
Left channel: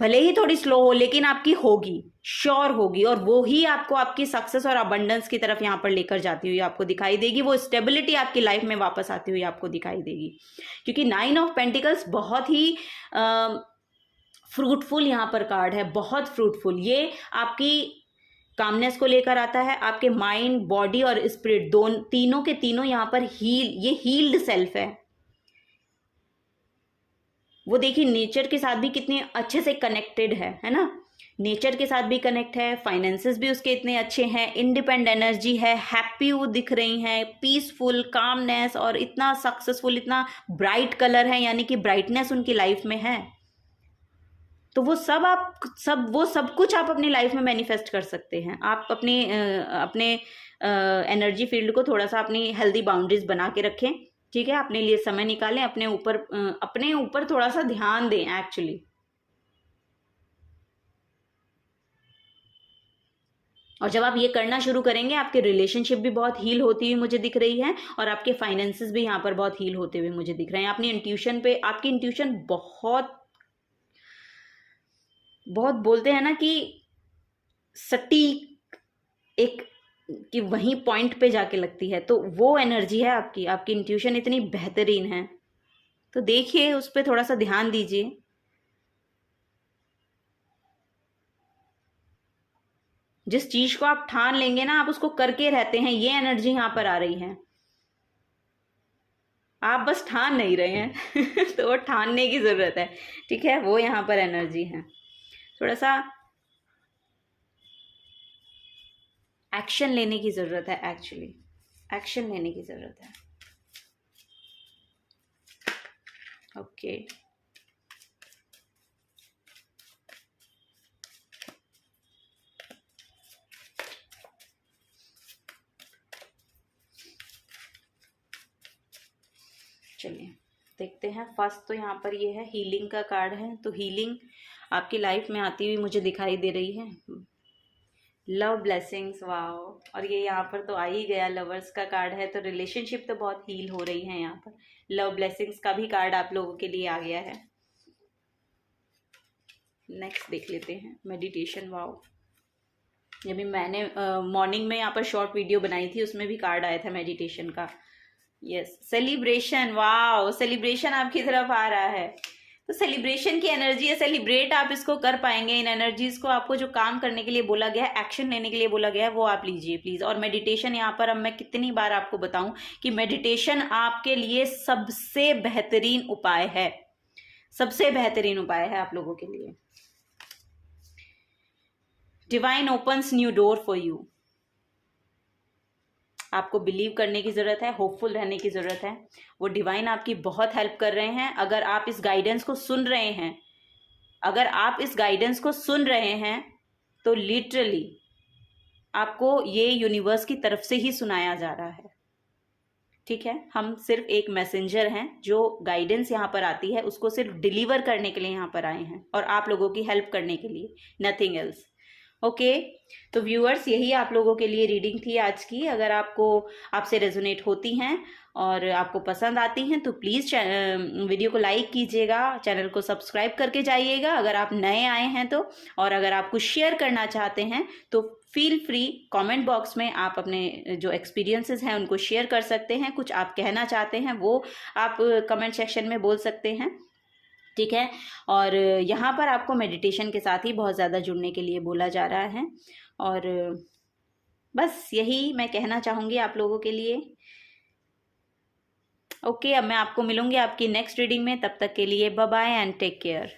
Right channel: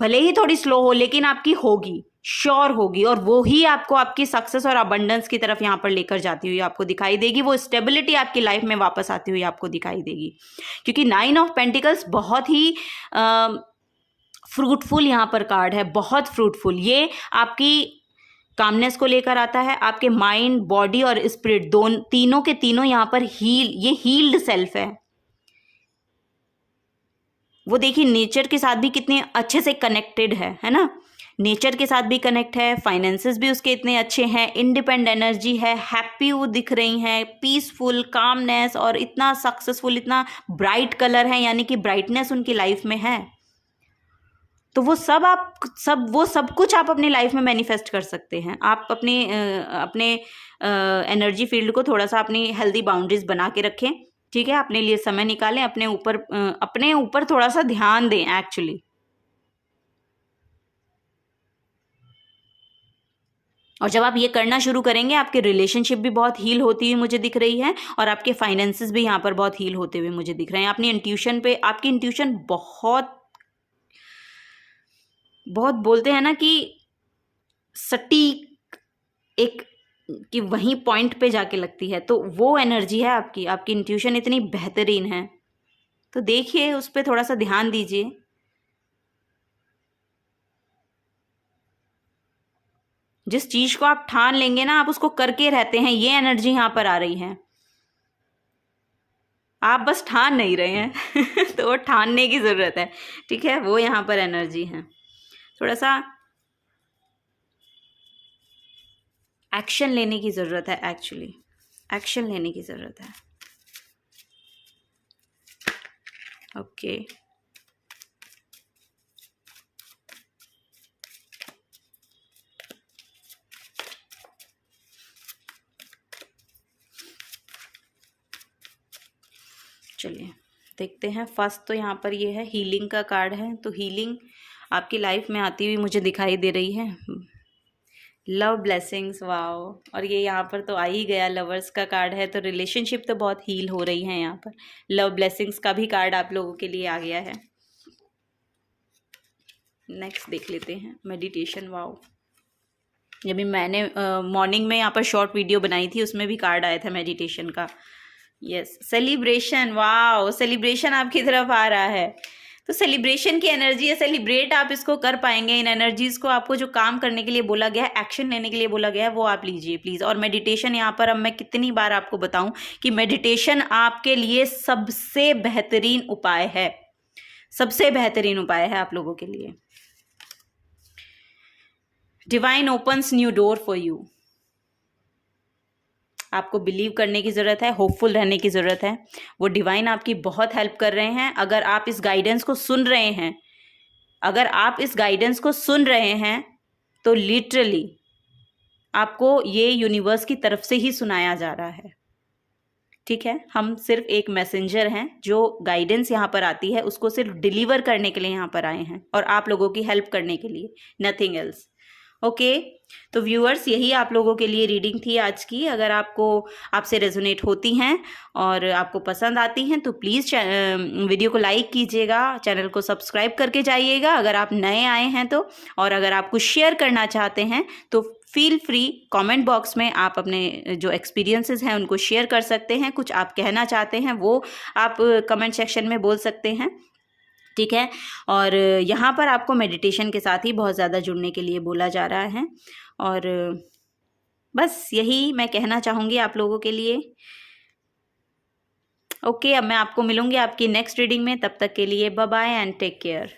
भले ही थोड़ी स्लो हो लेकिन आपकी होगी, श्योर होगी, और वो ही आपको आपकी सक्सेस और अबंडेंस की तरफ यहाँ पर लेकर जाती हुई आपको दिखाई देगी। वो स्टेबिलिटी आपकी लाइफ में वापस आती हुई आपको दिखाई देगी, क्योंकि 9 ऑफ पेंटिकल्स बहुत ही फ्रूटफुल यहाँ पर कार्ड है, बहुत फ्रूटफुल। ये आपकी कामनेस को लेकर आता है, आपके माइंड, बॉडी और स्पिरिट तीनों के तीनों यहाँ पर ये हील्ड सेल्फ है। वो देखिए नेचर के साथ भी कितने अच्छे से कनेक्टेड है ना, नेचर के साथ भी कनेक्ट है, फाइनेंसेस भी उसके इतने अच्छे हैं, इंडिपेंडेंट एनर्जी है, हैप्पी वो दिख रही हैं, पीसफुल, कामनेस, और इतना सक्सेसफुल, इतना ब्राइट कलर है, यानी कि ब्राइटनेस उनकी लाइफ में है। तो वो सब कुछ आप अपनी लाइफ में मैनिफेस्ट कर सकते हैं। आप अपने एनर्जी फील्ड को थोड़ा सा अपनी हेल्दी बाउंड्रीज बना के रखें, ठीक है, अपने लिए समय निकालें, अपने ऊपर थोड़ा सा ध्यान दें एक्चुअली। और जब आप ये करना शुरू करेंगे, आपके रिलेशनशिप भी बहुत हील होती हुई मुझे दिख रही है, और आपके फाइनेंसेस भी यहाँ पर बहुत हील होते हुए मुझे दिख रहे हैं। अपनी इंट्यूशन पे, आपकी इंट्यूशन बहुत बोलते हैं ना कि सटीक, एक कि वहीं पॉइंट पे जाके लगती है, तो वो एनर्जी है आपकी इंट्यूशन इतनी बेहतरीन है। तो देखिए, उस पर थोड़ा सा ध्यान दीजिए। जिस चीज को आप ठान लेंगे ना, आप उसको करके रहते हैं, ये एनर्जी यहाँ पर आ रही है। आप बस ठान नहीं रहे हैं तो वो ठानने की जरूरत है, ठीक है, वो यहाँ पर एनर्जी है। थोड़ा सा एक्शन लेने की ज़रूरत है, एक्चुअली एक्शन लेने की ज़रूरत है। ओके, चलिए देखते हैं। फर्स्ट तो यहाँ पर ये है, हीलिंग का कार्ड है। तो हीलिंग आपकी लाइफ में आती हुई मुझे दिखाई दे रही है। Love blessings, wow. और ये यहाँ पर तो आ ही गया, लवर्स का कार्ड है, तो रिलेशनशिप तो बहुत हील हो रही है यहाँ पर। लव ब्लेसिंग्स का भी कार्ड आप लोगों के लिए आ गया है। नेक्स्ट देख लेते हैं, मेडिटेशन, वाओ। जब भी मैंने मॉर्निंग में यहाँ पर शॉर्ट वीडियो बनाई थी, उसमें भी कार्ड आया था मेडिटेशन का। यस, सेलिब्रेशन, वाओ, सेलिब्रेशन आपकी तरफ आ रहा है। तो सेलिब्रेशन की एनर्जी है, सेलिब्रेट आप इसको कर पाएंगे। इन एनर्जीज को आपको जो काम करने के लिए बोला गया है, एक्शन लेने के लिए बोला गया है, वो आप लीजिए प्लीज़। और मेडिटेशन यहाँ पर अब मैं कितनी बार आपको बताऊं कि मेडिटेशन आपके लिए सबसे बेहतरीन उपाय है, सबसे बेहतरीन उपाय है आप लोगों के लिए। Divine opens new door for you. आपको बिलीव करने की ज़रूरत है, होपफुल रहने की ज़रूरत है। वो डिवाइन आपकी बहुत हेल्प कर रहे हैं। अगर आप इस गाइडेंस को सुन रहे हैं, अगर आप इस गाइडेंस को सुन रहे हैं, तो लिटरली आपको ये यूनिवर्स की तरफ से ही सुनाया जा रहा है, ठीक है। हम सिर्फ एक मैसेंजर हैं, जो गाइडेंस यहाँ पर आती है उसको सिर्फ डिलीवर करने के लिए यहाँ पर आए हैं, और आप लोगों की हेल्प करने के लिए, नथिंग एल्स। ओके, तो व्यूअर्स, यही आप लोगों के लिए रीडिंग थी आज की। अगर आपसे रेजोनेट होती हैं और आपको पसंद आती हैं, तो प्लीज़ वीडियो को लाइक कीजिएगा, चैनल को सब्सक्राइब करके जाइएगा अगर आप नए आए हैं तो। और अगर आप कुछ शेयर करना चाहते हैं तो फील फ्री, कमेंट बॉक्स में आप अपने जो एक्सपीरियंसेस हैं उनको शेयर कर सकते हैं। कुछ आप कहना चाहते हैं वो आप कमेंट सेक्शन में बोल सकते हैं, ठीक है। और यहाँ पर आपको मेडिटेशन के साथ ही बहुत ज़्यादा जुड़ने के लिए बोला जा रहा है। और बस यही मैं कहना चाहूँगी आप लोगों के लिए। ओके, अब मैं आपको मिलूँगी आपकी नेक्स्ट रीडिंग में। तब तक के लिए bye bye and take care.